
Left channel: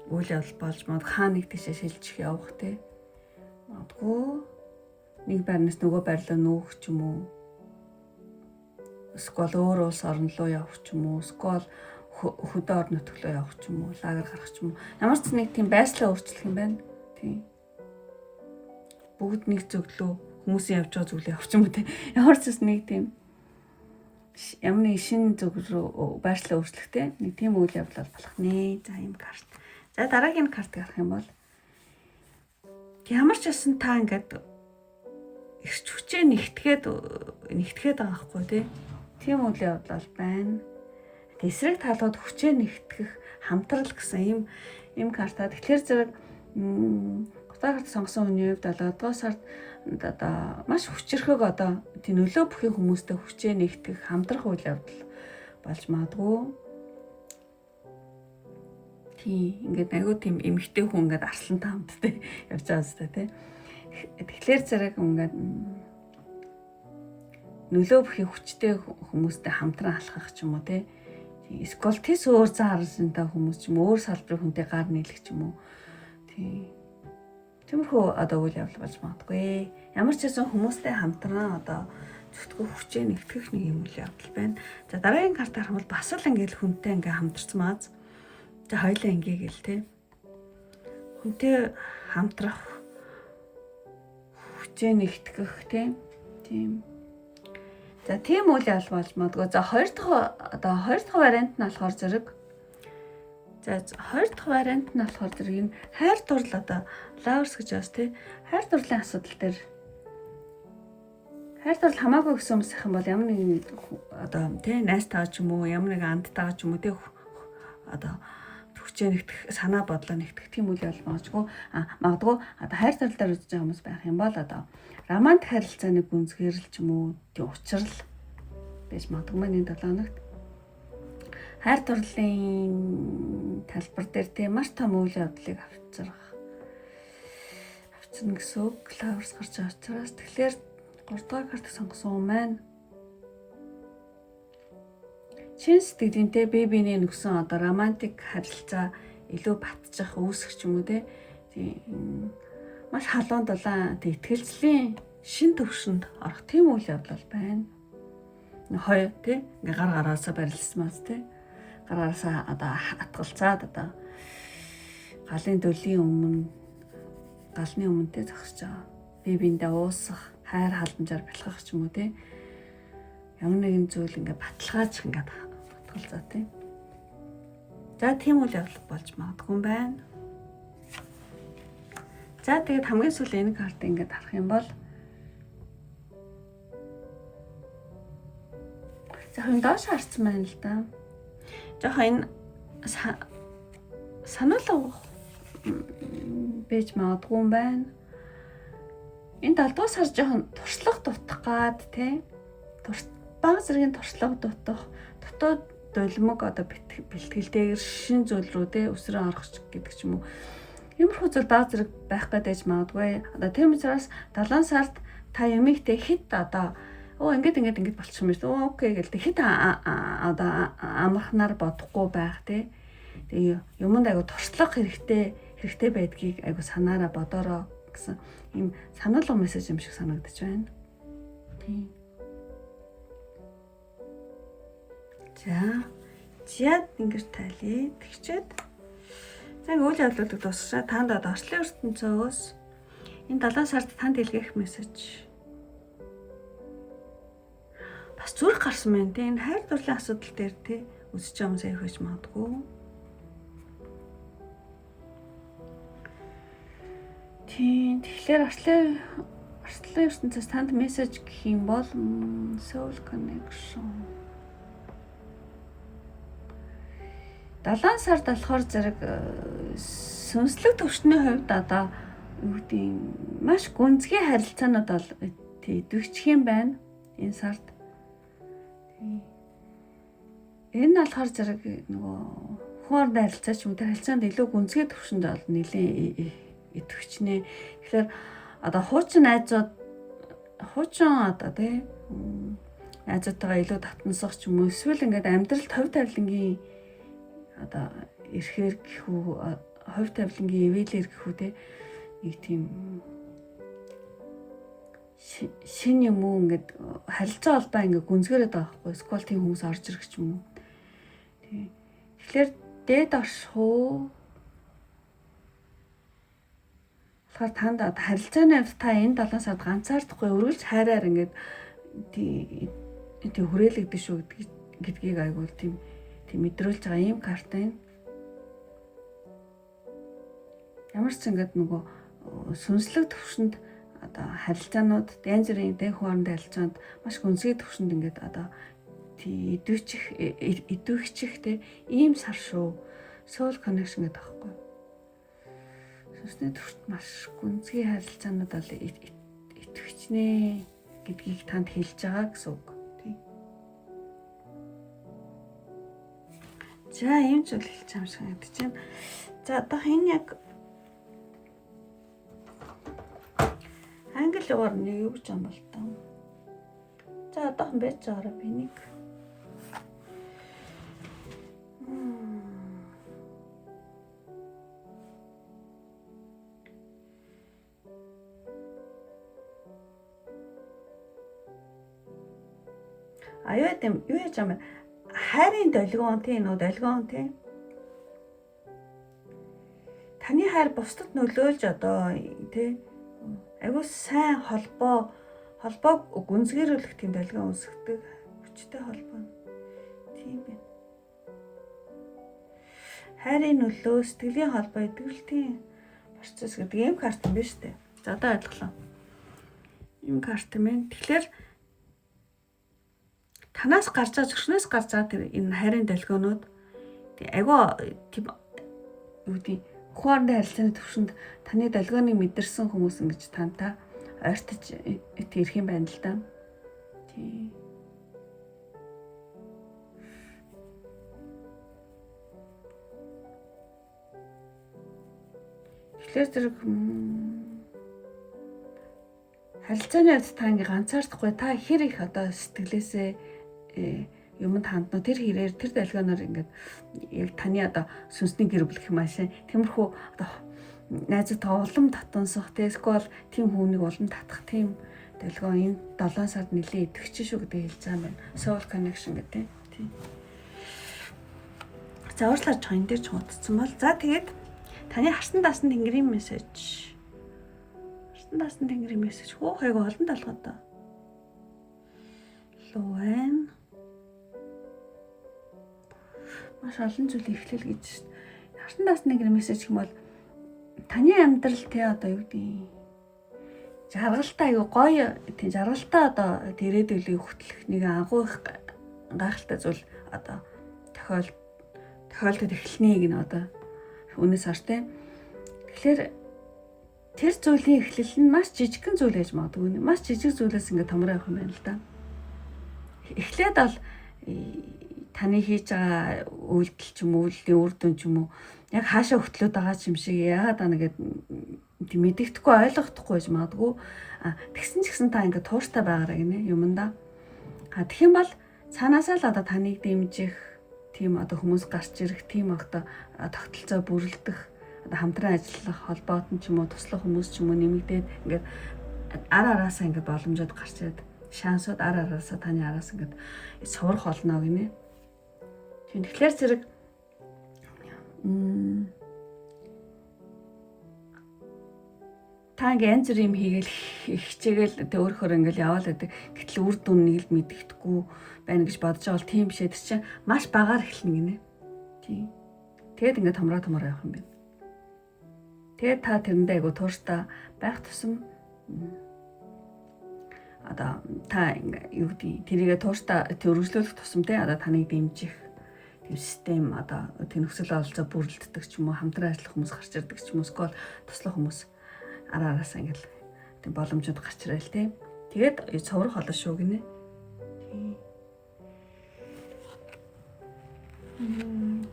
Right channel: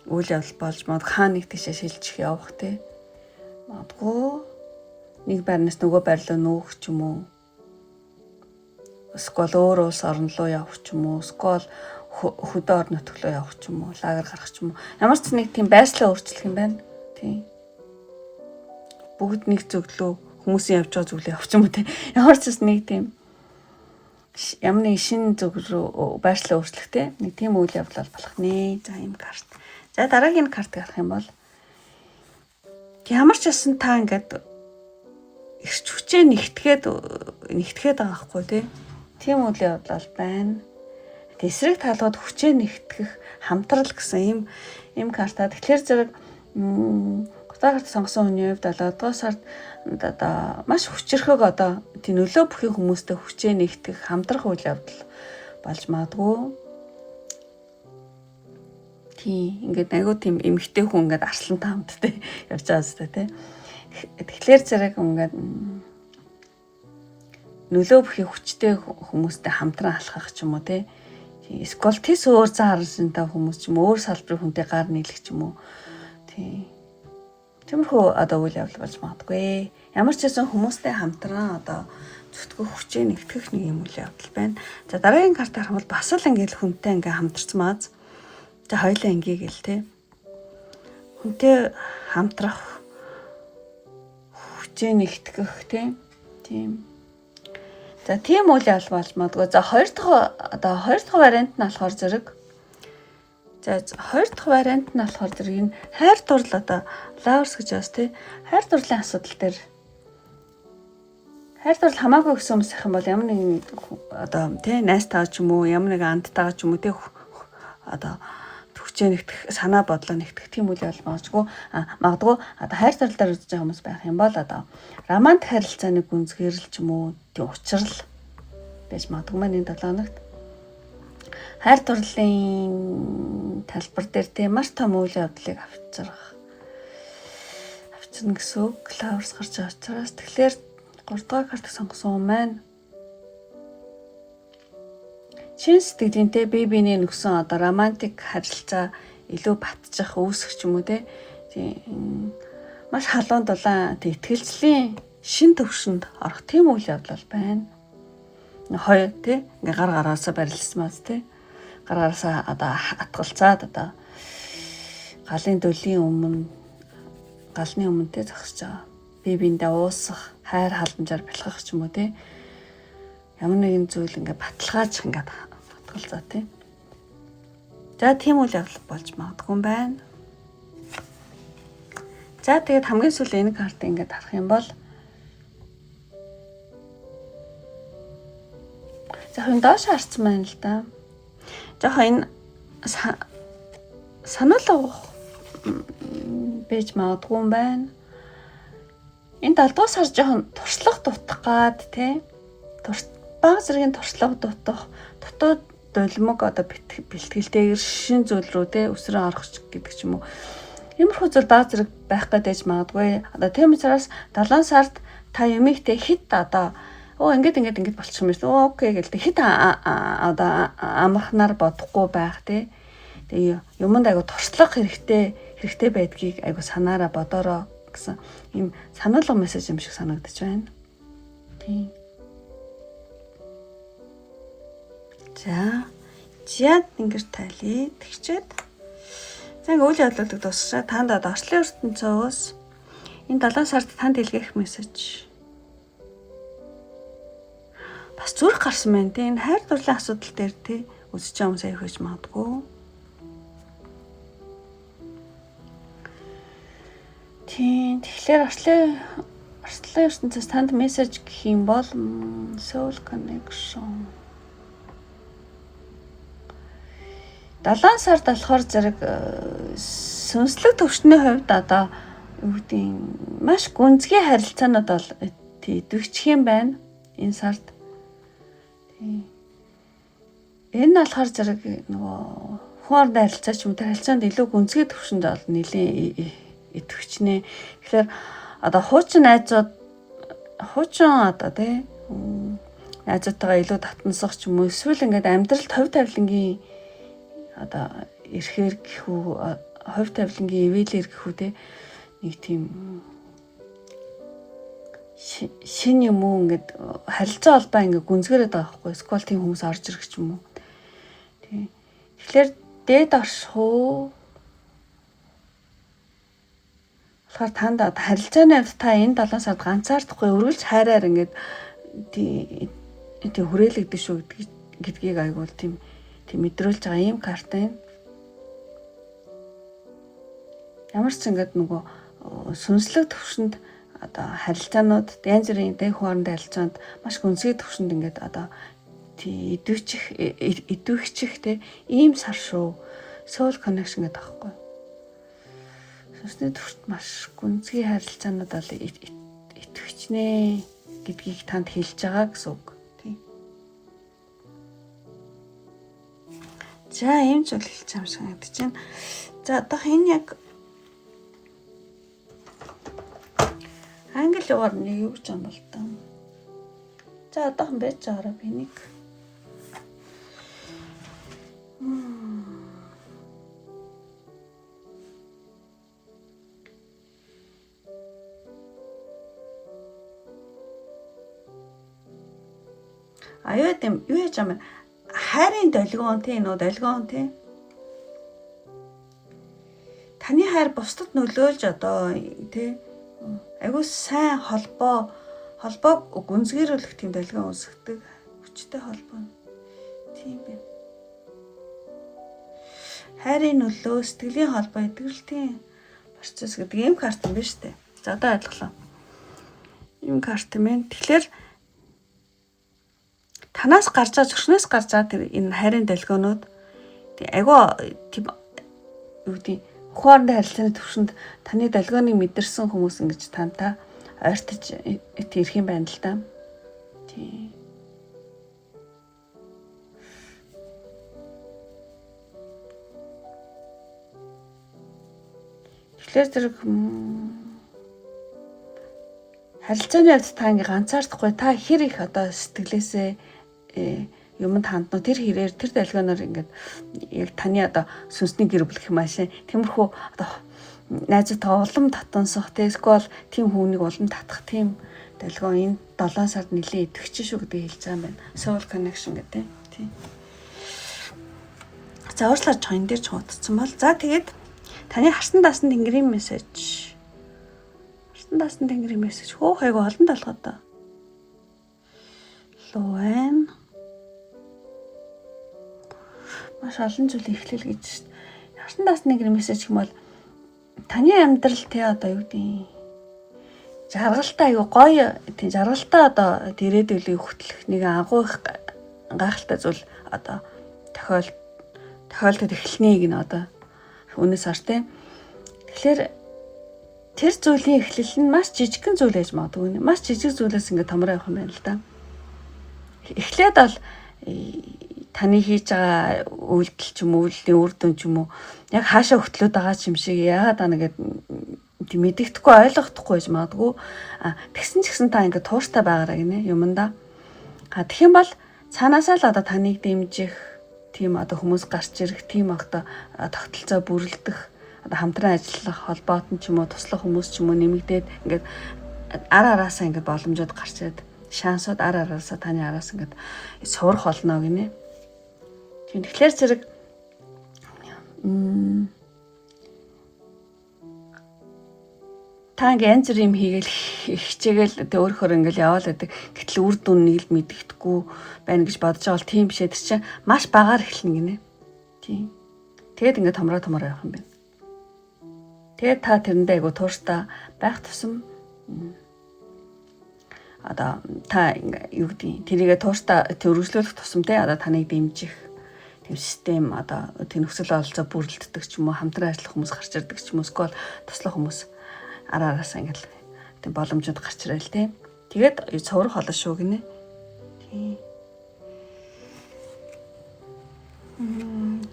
үйл явдал болж магадгүй хаа нэг тийшээ шилжих явах магадгүй нэг байрнаас нөгөө байр руу нүүх ч юм уу. Эсвэл өөр улс орн руу явах ч юм уу. Эсвэл хөдөө орон нутг руу явах ч юм уу. Лагер гарах ч юм уу. Ямар ч нэг тийм байршлаа өөрчлөх юм байна. Тийм. Бүгд нэг зөвлөө хүмүүсийн явж байгаа зөвлөө явах ч юм уу тийм. Ямар ч нэг тийм ямар нэг шинэ зөв рүү байршлаа өөрчлөх тийм. Нэг тийм үйл явдал болох нэ. За ийм карт. За дараагийн картыг харах юм бол ямар ч байсан та ингээд эрч хүчээ нэгтгэхэд байгаа хгүй тийм үйл явдал байна. Эсрэг талууд хүчээ нэгтгэх хамтрал гэсэн ийм карта. Тэгэхээр зэрэг гутаа карт сонгосон хүний хувьд 7 дугаар сард одоо маш хүчрхэг одоо тийм нөлөө бүхий хүмүүстэй хүчээ нэгтгэх хамтрах үйл явдал болж магадгүй. Тийм ингээд айгүй тийм эмгтэй хүн ингээд арслантай хамттай явж байгаа зү тийм. Тэгэхээр зэрэг ингээд нөлөө бүхий хүчтэй хүмүүстэй хамтран алхах ч юм уу те. Эсвэл тис өөр зан харсантай хүмүүс ч юм өөр салбарын хүнтэй гар нийлэх ч юм уу. Тиймэрхүү одоо үйл явдал болж магадгүй. Ямар ч байсан хүмүүстэй хамтран одоо зүтгэх хүчээ нэгтгэх нэг юм үйл явдал байна. За дараагийн карт харах бол бас л ингээл хүнтэй ингээ хамтарцмааз. За хоёлаа ингээ гэл те. Хүнтэй хамтрах хүчээ нэгтгэх тийм. За тийм үйл явдал болж магадгүй. За хоёр дахь вариант нь болохоор зэрэг. За хоёр дахь вариант нь болохоор зэрэг энэ хайр дурлал одоо lovers гэж бас тий. Хайр дурлалын асуудал дээр хайр дурлал хамаагүй гэсэн хүмүүс их юм бол ямар нэгэн одоо тий найстайгаа ч юм уу ямар нэгэн андтайгаа ч юм уу тий одоо хүчээ нэгтгэх санаа бодлоо нэгтгэх тийм үйл явдал магадгүй одоо хайр дурлал дээр үзэж байгаа хүмүүс байх юм бол одоо романтик харилцааны гүнзгийрэл ч юм уу тий учрал байж магадгүй маань энэ 7 хоногт хайр дурлалын талбар дээр тийм маш том үйл явдлыг авчирна гэсэн үг Lovers гарч байгаа учраас тэгэхээр 3 дахь карт сонгосон юм байна. Чин сэтгэлийнтэй бие биений нөхсөн одоо романтик харилцаа илүү батчих үүсэх ч юм уу тийм маш халуун дулаан итгэлцлийн шин төвшөнд орох тийм үйл явдал байна. Хоёр тий ингээ гар гараасаа барилсмаас тий гар гараасаа одоо хатгалцаад одоо галын дөлийн галны өмнөдөө зогсож байгаа. Бие биендээ уусах, хайр халамжаар бэлхэх ч юм уу тий. Ямар нэгэн зүйл ингээ баталгааж ингээ хатгалцаа тий. За тийм үйл явдал болж магадгүй юм байна. За тэгээд хамгийн сүүлийн энэ картыг ингээ харах юм бол жоохон доош харцсан байна л да. Жоохон сануулга бэж магадгүй юм байна. Энэ 7 дугаар сар жоохон туршлага дутах гад тий. Бага зэргийн туршлага дутах, дотоод дулмаг одоо бэлтгэлтэйгэр шин зүйл рүү тий өсрөө орох гэдэг ч юм уу. Иймэрхүү зүйл бага зэрэг байх гэдэж магадгүй. Одоо тийм учраас 7 сард та юмигтэй хит одоо ингээд болчих юм биш. Окей гэлтэй хит одоо амархнаар бодохгүй байх тий. Тэгээ юмд айгу туршлага хэрэгтэй байдгийг айгу санаараа бодороо гэсэн ийм сануулга мессеж юм шиг санагдаж байна. Тийм. За ингэж тайлъя. Тэгчээд за үйл явдлуудыг дуусгачаа танд орчлын ертөнцөөс энэ 7 сард танд илгээх мессеж бас зүрх гарсан байна тийм. Энэ хайр дурлалын асуудал дээр тий үзэж байгаа хүмүүс аяг хийж магадгүй. Тийм. Тэгэхээр орчлын ертөнцөөс танд мессеж гэх юм бол soul connection 7 сард болохоор зэрэг сүнслэг төвшний хувьд одоо юу гэдэг маш гүнзгий харилцаанууд бол идэвхчих юм байна энэ сард. Тийм. Энэ нь болохоор зэрэг нөгөө хүн харилцаа ч юм тэр харилцаанд илүү гүнзгий төвшөнд бол нэлийн идэвхчнэ. Тэгэхээр одоо хуучин одоо тий найзуудтайгаа илүү татнасах ч юм уу эсвэл ингээд амьдралд хувь тавилангийн одоо ирэхээр гэхүү хувь тавилангийн ивэлэр гэхүү те нэг тийм шин юм уу ингээд харилцаа холбоо ингээд гүнзгэрээд байгаа байхгүй эсвэл тийм хүмүүс орж ирэх ч юм уу тий. Тэгэхээр дээд орших уу болохоор танд харилцааны хувьд та энэ 7 сард ганцаардахгүй өргөлж хайраар ингээд тийм хүрээлэгдэж шүү гэдгийг айгуул тийм мэдрүүлж байгаа юм карт байна. Ямар ч ингээд нөгөө сүнслэг төвшөнд одоо харилцаанууд янз бүрийн дэх хоорондын харилцаанд маш гүнзгий төвшөнд ингээд одоо идэвхчих те ийм сар шүү. Soul connection гэдэг аахгүй. Сүнсний төвшөнд маш гүнзгий харилцаанууд бол идэвхчихнэ гэдгийг танд хэлж байгаа гэсэн үг. За ийм зүйл хэлж байгаа юм шиг надад чинь. За одоо энэ яг англи угаар нэг юу гэж юм бол таа. За одоохон байж байгаараа би нэг. Аюу тийм юу яж юм хайрын долгион тийм нөө долгион тийм таны хайр бусдад нөлөөлж одоо тий айгуу сайн холбоог гүнзгийрүүлэх тийм долгион үүсгдэг хүчтэй холбоо тийм бэ. Хайрын нөлөө сэтгэлийн холбоо эдгэрэлтийн процесс гэдэг ийм карт юм байна шүү дээ. За одоо ойлголоо. Ийм карт юм байна. Тэгэхээр танаас гарч байгаа зөвшнөөс гарч байгаа тэр энэ хайрын долгионууд тий айгуу тийм юу гэдэг хоорондын харилцааны төвшөнд таны долгионыг мэдэрсэн хүмүүс ингэж тантай ойртож ирэх юм байна л да. Тий. Тэгэхээр тэр харилцааны явц та ингээ ганцаардахгүй та хэр их одоо сэтгэлээсээ юмд хандна тэр хэрээр тэр долгионоор ингээд яг таны одоо сүнсний гэр бүл гэх машин тиймэрхүү одоо найзуудаа улам татансах эсвэл тийм хүнийг улам татах тийм долгион энэ 7 сард нэлээд идэвхжин шүү гэдэг хэлж байгаа юм байна. Soul connection гэдэг тийм. За уурлаар чойн дээр ч хуудсан бол за тэгээд таны харсан даасан тэнгэрийн мессеж. Харсан даасан тэнгэрийн мессеж хөөх айгу олон талгад та. Луэн маш олон зүйл эхлэл гэж шүү дээ. Харсан даасан тэнгэрийн мессеж юм бол таны амьдрал те одоо юу гэдэг жаргалтай аюу гоё тийм жаргалтай одоо ирээдүйн хөтлөх нэг агуу их гайхалтай зүйл одоо тохиолдод эхлэнийг нь одоо үнээс хар те. Тэгэхээр тэр зүйлийн эхлэл нь маш жижигхэн зүйл байж магадгүй. Маш жижиг зүйлээс ингээд томроо явах юм байна л да. Эхлээд бол таны хийж байгаа үйлдэл ч юм уу, үйлдлийн үр дүн ч юм уу яг хаашаа хөтлөөд байгаа юм шиг яагаад аа нэгэд мэддэхгүй ойлгохдохгүй байж магадгүй. Тэгсэн ч гэсэн та ингээд тууштай байгаараа гинэ юмдаа. Тэгэх юм бол цаанаасаа л одоо таныг дэмжих тийм одоо хүмүүс гарч ирэх тийм одоо тогтолцоо бүрэлдэх одоо хамтран ажиллах холбоот нь ч юм уу туслах хүмүүс ч юм уу нэмэгдээд ингээд араасаа ингээд боломжууд гарч ирээд шансууд араасаа таны араас ингээд сурах болно гинэ. Тэгэхээр зэрэг та ингээ янз бүр юм хийгээл хичээгээл тэ өөрөөр ингээл яваал байдаг. Гэтэл үр дүнийг л мэддэхгүй байна гэж бодож байгаа бол тийм биш ээ. Тэр чинь маш багаар эхэлнэ гинэ. Тийм. Тэгээд ингээ томроо явах юм байна. Тэгээд та тэрэндээ айгу тууштай байх тусам одоо та юу гэдэг тэрийгэ тууштай өргөжлүүлэх тусам те одоо таныг дэмжих тийм систем одоо тэр нөхцөл бололцоо бүрэлддэг ч юм уу хамтран ажиллах хүмүүс гарч ирдэг ч юм уу эсвэл туслах хүмүүс араасаа ингээл тийм боломжууд гарч ирээл те. Тэгээд цуврах болно шүү гинэ. Тийм.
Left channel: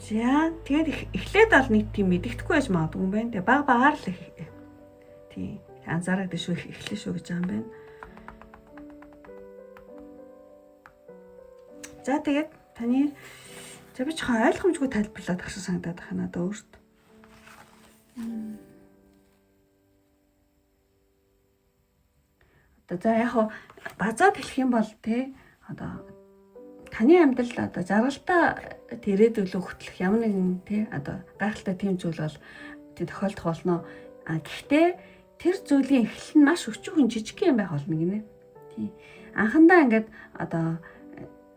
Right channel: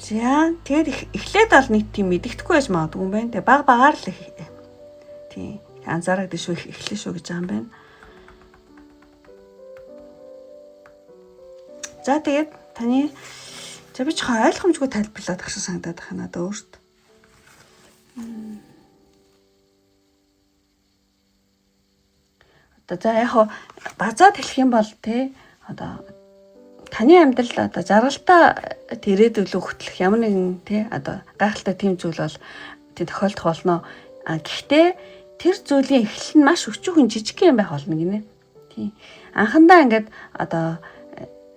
За тэгээд эхлээд бол нэг тийм мэддэхгүй байж магадгүй юм байна. Тэгээд багаар л тийм анзаараад шүү эхлэх шүү гэж байгаа юм байна. За тэгээд таны за би ч ойлгомжгүй тайлбарлаад агшаа санагдаад байна надад өөрт. Одоо за яг базаад хэлэх юм бол те одоо таны амьдрал одоо жаргалтай ирээдүйн хөтлөх ямар нэгэн те одоо гайхалтай тийм зүйл бол тий тохиолдох болно. Гэхдээ тэр зүйлийн эхлэл нь маш өчүүхэн жижиг юм байх болно гинэ. Тий. Анхандаа ингээд одоо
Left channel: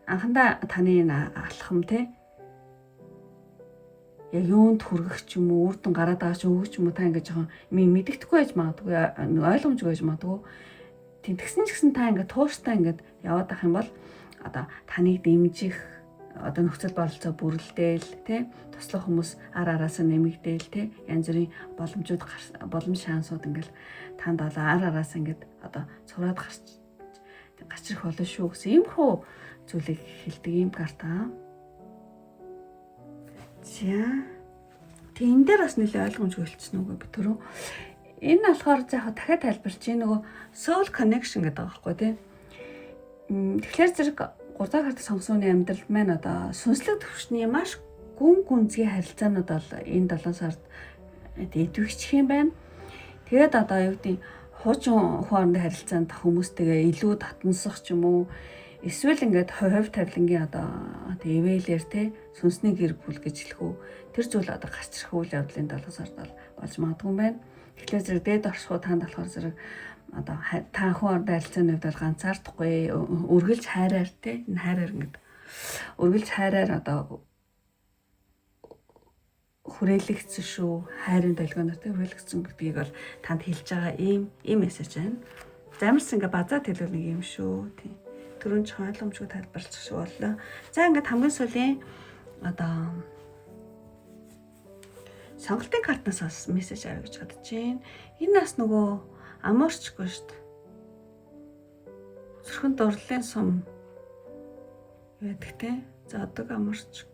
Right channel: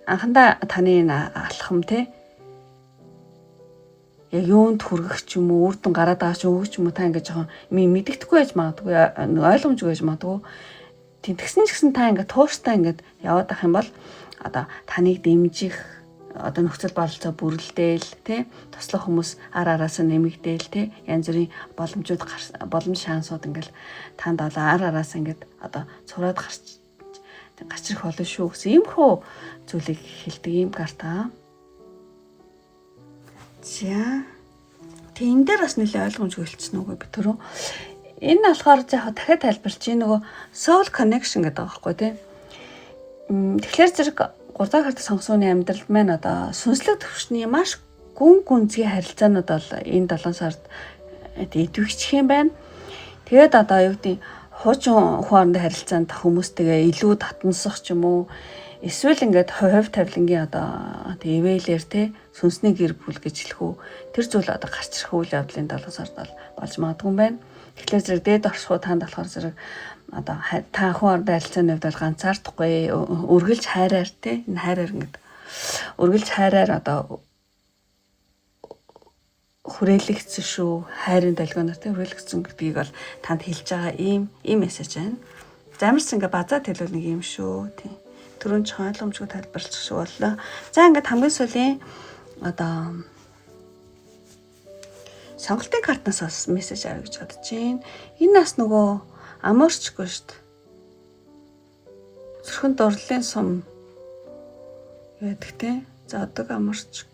анхандаа таны алхам те яг юунд хүргэх ч юм уу үр дүн гараад байгаа ч өгч юм уу та ингээд жоохон мэддэхгүй байж магадгүй ойлгомжгүй байж магадгүй. Тэгсэн ч гэсэн та ингээд тууштай ингээд яваад ах юм бол одоо таныг дэмжих одоо нөхцөл бололцоо бүрэлдээл те туслах хүмүүс араасаа нэмэгдээл те янз бүрийн боломжууд боломж шансууд ингээд танд араасаа ингээд одоо цураад гарч ирэх болно шүү гэсэн иймэрхүү зүйлийг хэлдэг юм карта. За тэг энэ дээр бас нэлээд ойлгомжгүй хэлсэн үгүй би түрүү. Энэ болохоор яг дахиад тайлбарч чинь нөгөө soul connection гэдэг байгаа байхгүй тий. Тэгэхээр зэрэг 3 дахь карт сонгосны амьдралд маань одоо сүнслэг төвшний маш гүн гүнзгий харилцаанууд бол энэ 7 сард идэвхжих юм байна. Тэгээд одоо юу гэдэг хуучин хоорондын харилцаанд хүмүүстэйгээ илүү татнасах ч юм уу эсвэл ингээд хувь тавилангийн одоо ивэлэр те сүнсний гэр бүл гэж хэлэх үү тэр зүйл одоо гарч ирэх үйл явдлын 7 сард болж магадгүй юм байна. Тэгэхээр зэрэг дээд оршихуй таанд болохоор зэрэг одоо та хоорондын харилцааны хувьд бол ганцаардахгүй үргэлж хайраар те энэ хайраар ингээд үргэлж хайраар одоо хүрээлэгдсэн шүү хайрын долгионоор те хүрээлэгдсэн гэдгийг бол танд хэлж байгаа ийм мессеж байна. Замарс ингээ базаад хэлвэл нэг юм шүү тийм. Түрүүн ч ойлгомжгүй тайлбарлах шиг боллоо. За ингээд хамгийн сүүлийн одоо сонголтын картнаас бас мессеж авъя гэж бодож байна. Энэ нас нөгөө аморчгүй шүү дээ. Зүрхэнд дурлалын сум яадаг те. Зодог аморчг.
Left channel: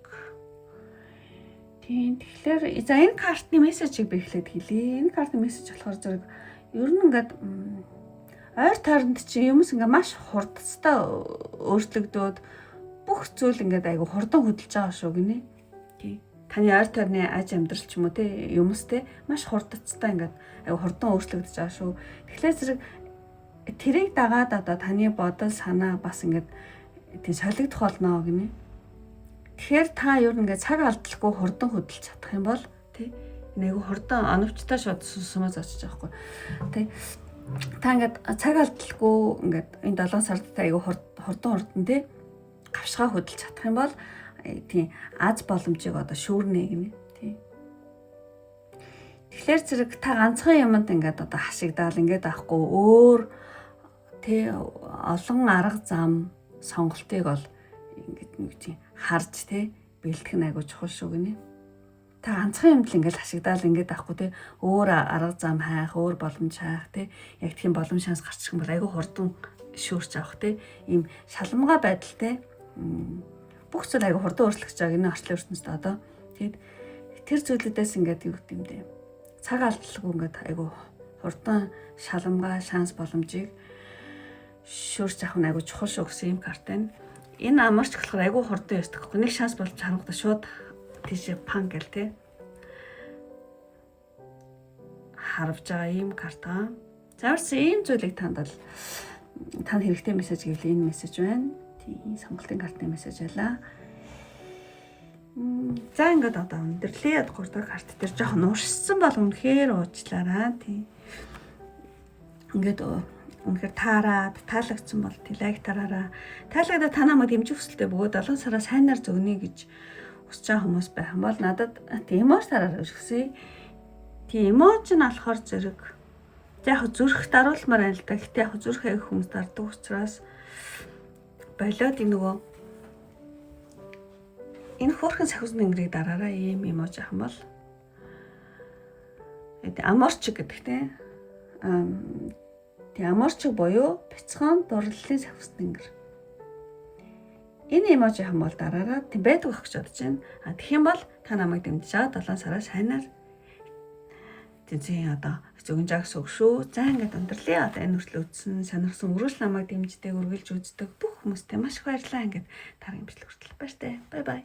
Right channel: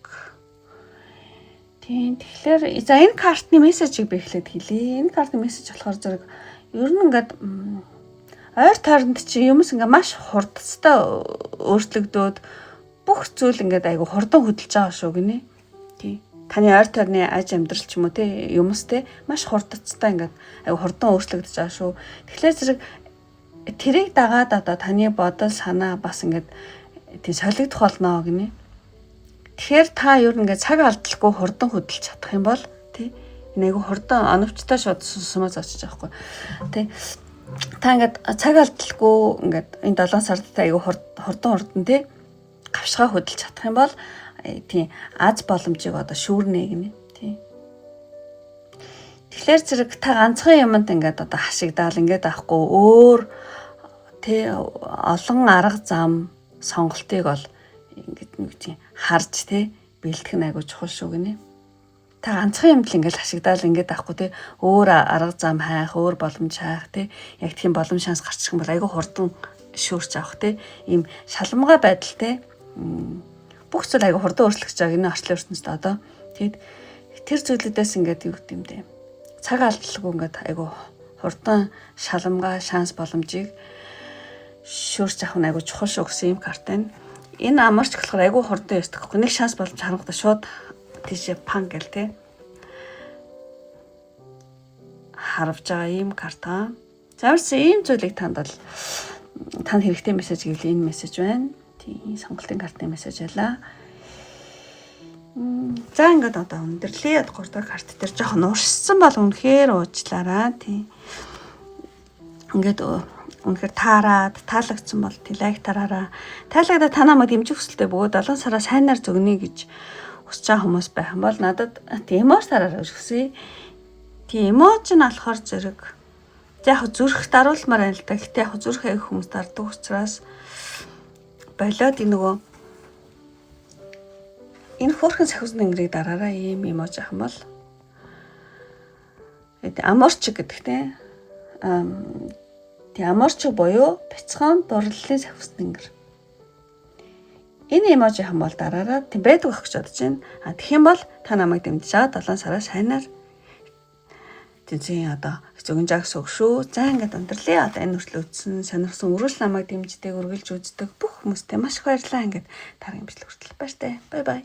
Тийм. Тэгэхээр за энэ картны мессежийг би эхлээд хэлье. Энэ картны мессеж болохоор зэрэг ер нь ингээд ойр тойронд чи юмс ингээ маш хурдцтай өөрчлөгдөөд бүх зүйл ингээд айгу хурдан хөдөлж байгаа шүү гинэ. Тий. Таны ойр тойрны аж амьдрал ч юм уу тий юмс тий маш хурдцтай ингээд айгу хурдан өөрчлөгдөж байгаа шүү. Тэгэхээр зэрэг тэрийг дагаад одоо таны бодол санаа бас ингээд тий солигдох болно гинэ. Тэгэхээр та ер нь ингээд цаг алдалгүй хурдан хөдөлж чадах юм бол тий энэ айгу хурдан оновчтой шууд сумаас очиж байгаа хгүй. Тий. Та ингээд цаг алдалгүй ингээд энэ 7 сард айгу хурдан тий гавшгаа хөдөлж чадах юм бол тий аз боломжийг одоо шүүрнэ гинэ тий. Тэгэхээр зэрэг та ганцхан юмд ингээд одоо хашигдаал ингээд авахгүй өөр тий олон арга зам сонголтыг бол ингээд нэг тий харж тий бэлтгэх нь айгу чухал шүү гинэ. Та ганцхан юмд л ингээд хашигдаал ингээд авахгүй тий өөр арга зам хайх, өөр боломж хайх тий яг тийм боломж шанс гарчих юм бол айгүй хурдан шүүрч авах тий ийм шалмгай байдал тий бүх зүйл айгүй хурдан өөрчлөгдөж байгаа энэ орчлын ертөнцид одоо тэгэд тэр зүйлүүдээс ингээд юу гэдэм дээ цаг алдалгүй ингээд айгүй хурдан шалмгай шанс боломжийг шүүрч авах нь айгүй чухал шүү гэсэн юм карт байна. Энэ амарч болохоор айгүй хурдан ястах гэхгүй нэг шанс боломж харангуйда шууд тийш пан гэл те харавж байгаа ийм карта. Замарс ийм зүйлийг танд хэрэгтэй мессеж гэвэл энэ мессеж байна. Тийм сонголтын картны мессеж байлаа. За ингээд одоо өндөрлөө 3 дахь карт дээр жоохон уршсан бол үнэхээр уучлаарай. Тийм. Ингээд үнэхээр таалагдсан бол тийм лайк тараараа. Таалагдаад та намайг дэмжих хүсэлтэй бөгөөд 7 сараа сайнаар зөвгнө гэж хүсэж байгаа хүмүүс байх юм бол надад тийм эмоц тараараа хүсье. Тийм эмоц нь болохоор зэрэг яг зүрх даруулмаар байна л да. Гэтэ яг зүрх аяг хүмүүс дардаг учраас болоод энэ нөгөө энэ хөөрхөн сахиусны ингэрийг дараараа ийм эмоц ах юм бол аморч гэдэг те тийм аморч буюу бяцхан дурлалын сахиусны ингэр. Энэ эможи хам бол дараараа тийм байдаг байх гэж бодож байна. Тэгэх юм бол та намайг дэмжиж 7 сараа сайнаар тийм одоо зөвгөн жагс өг шүү. За ингээд өндөрлөө. Одоо энэ хүртэл үзсэн сонирхсан өрөөс намайг дэмждэг, үргэлж үздэг бүх хүмүүстээ маш их баярлалаа. Ингээд таргийн бичлэг хүртэл баяртай. Бай бай.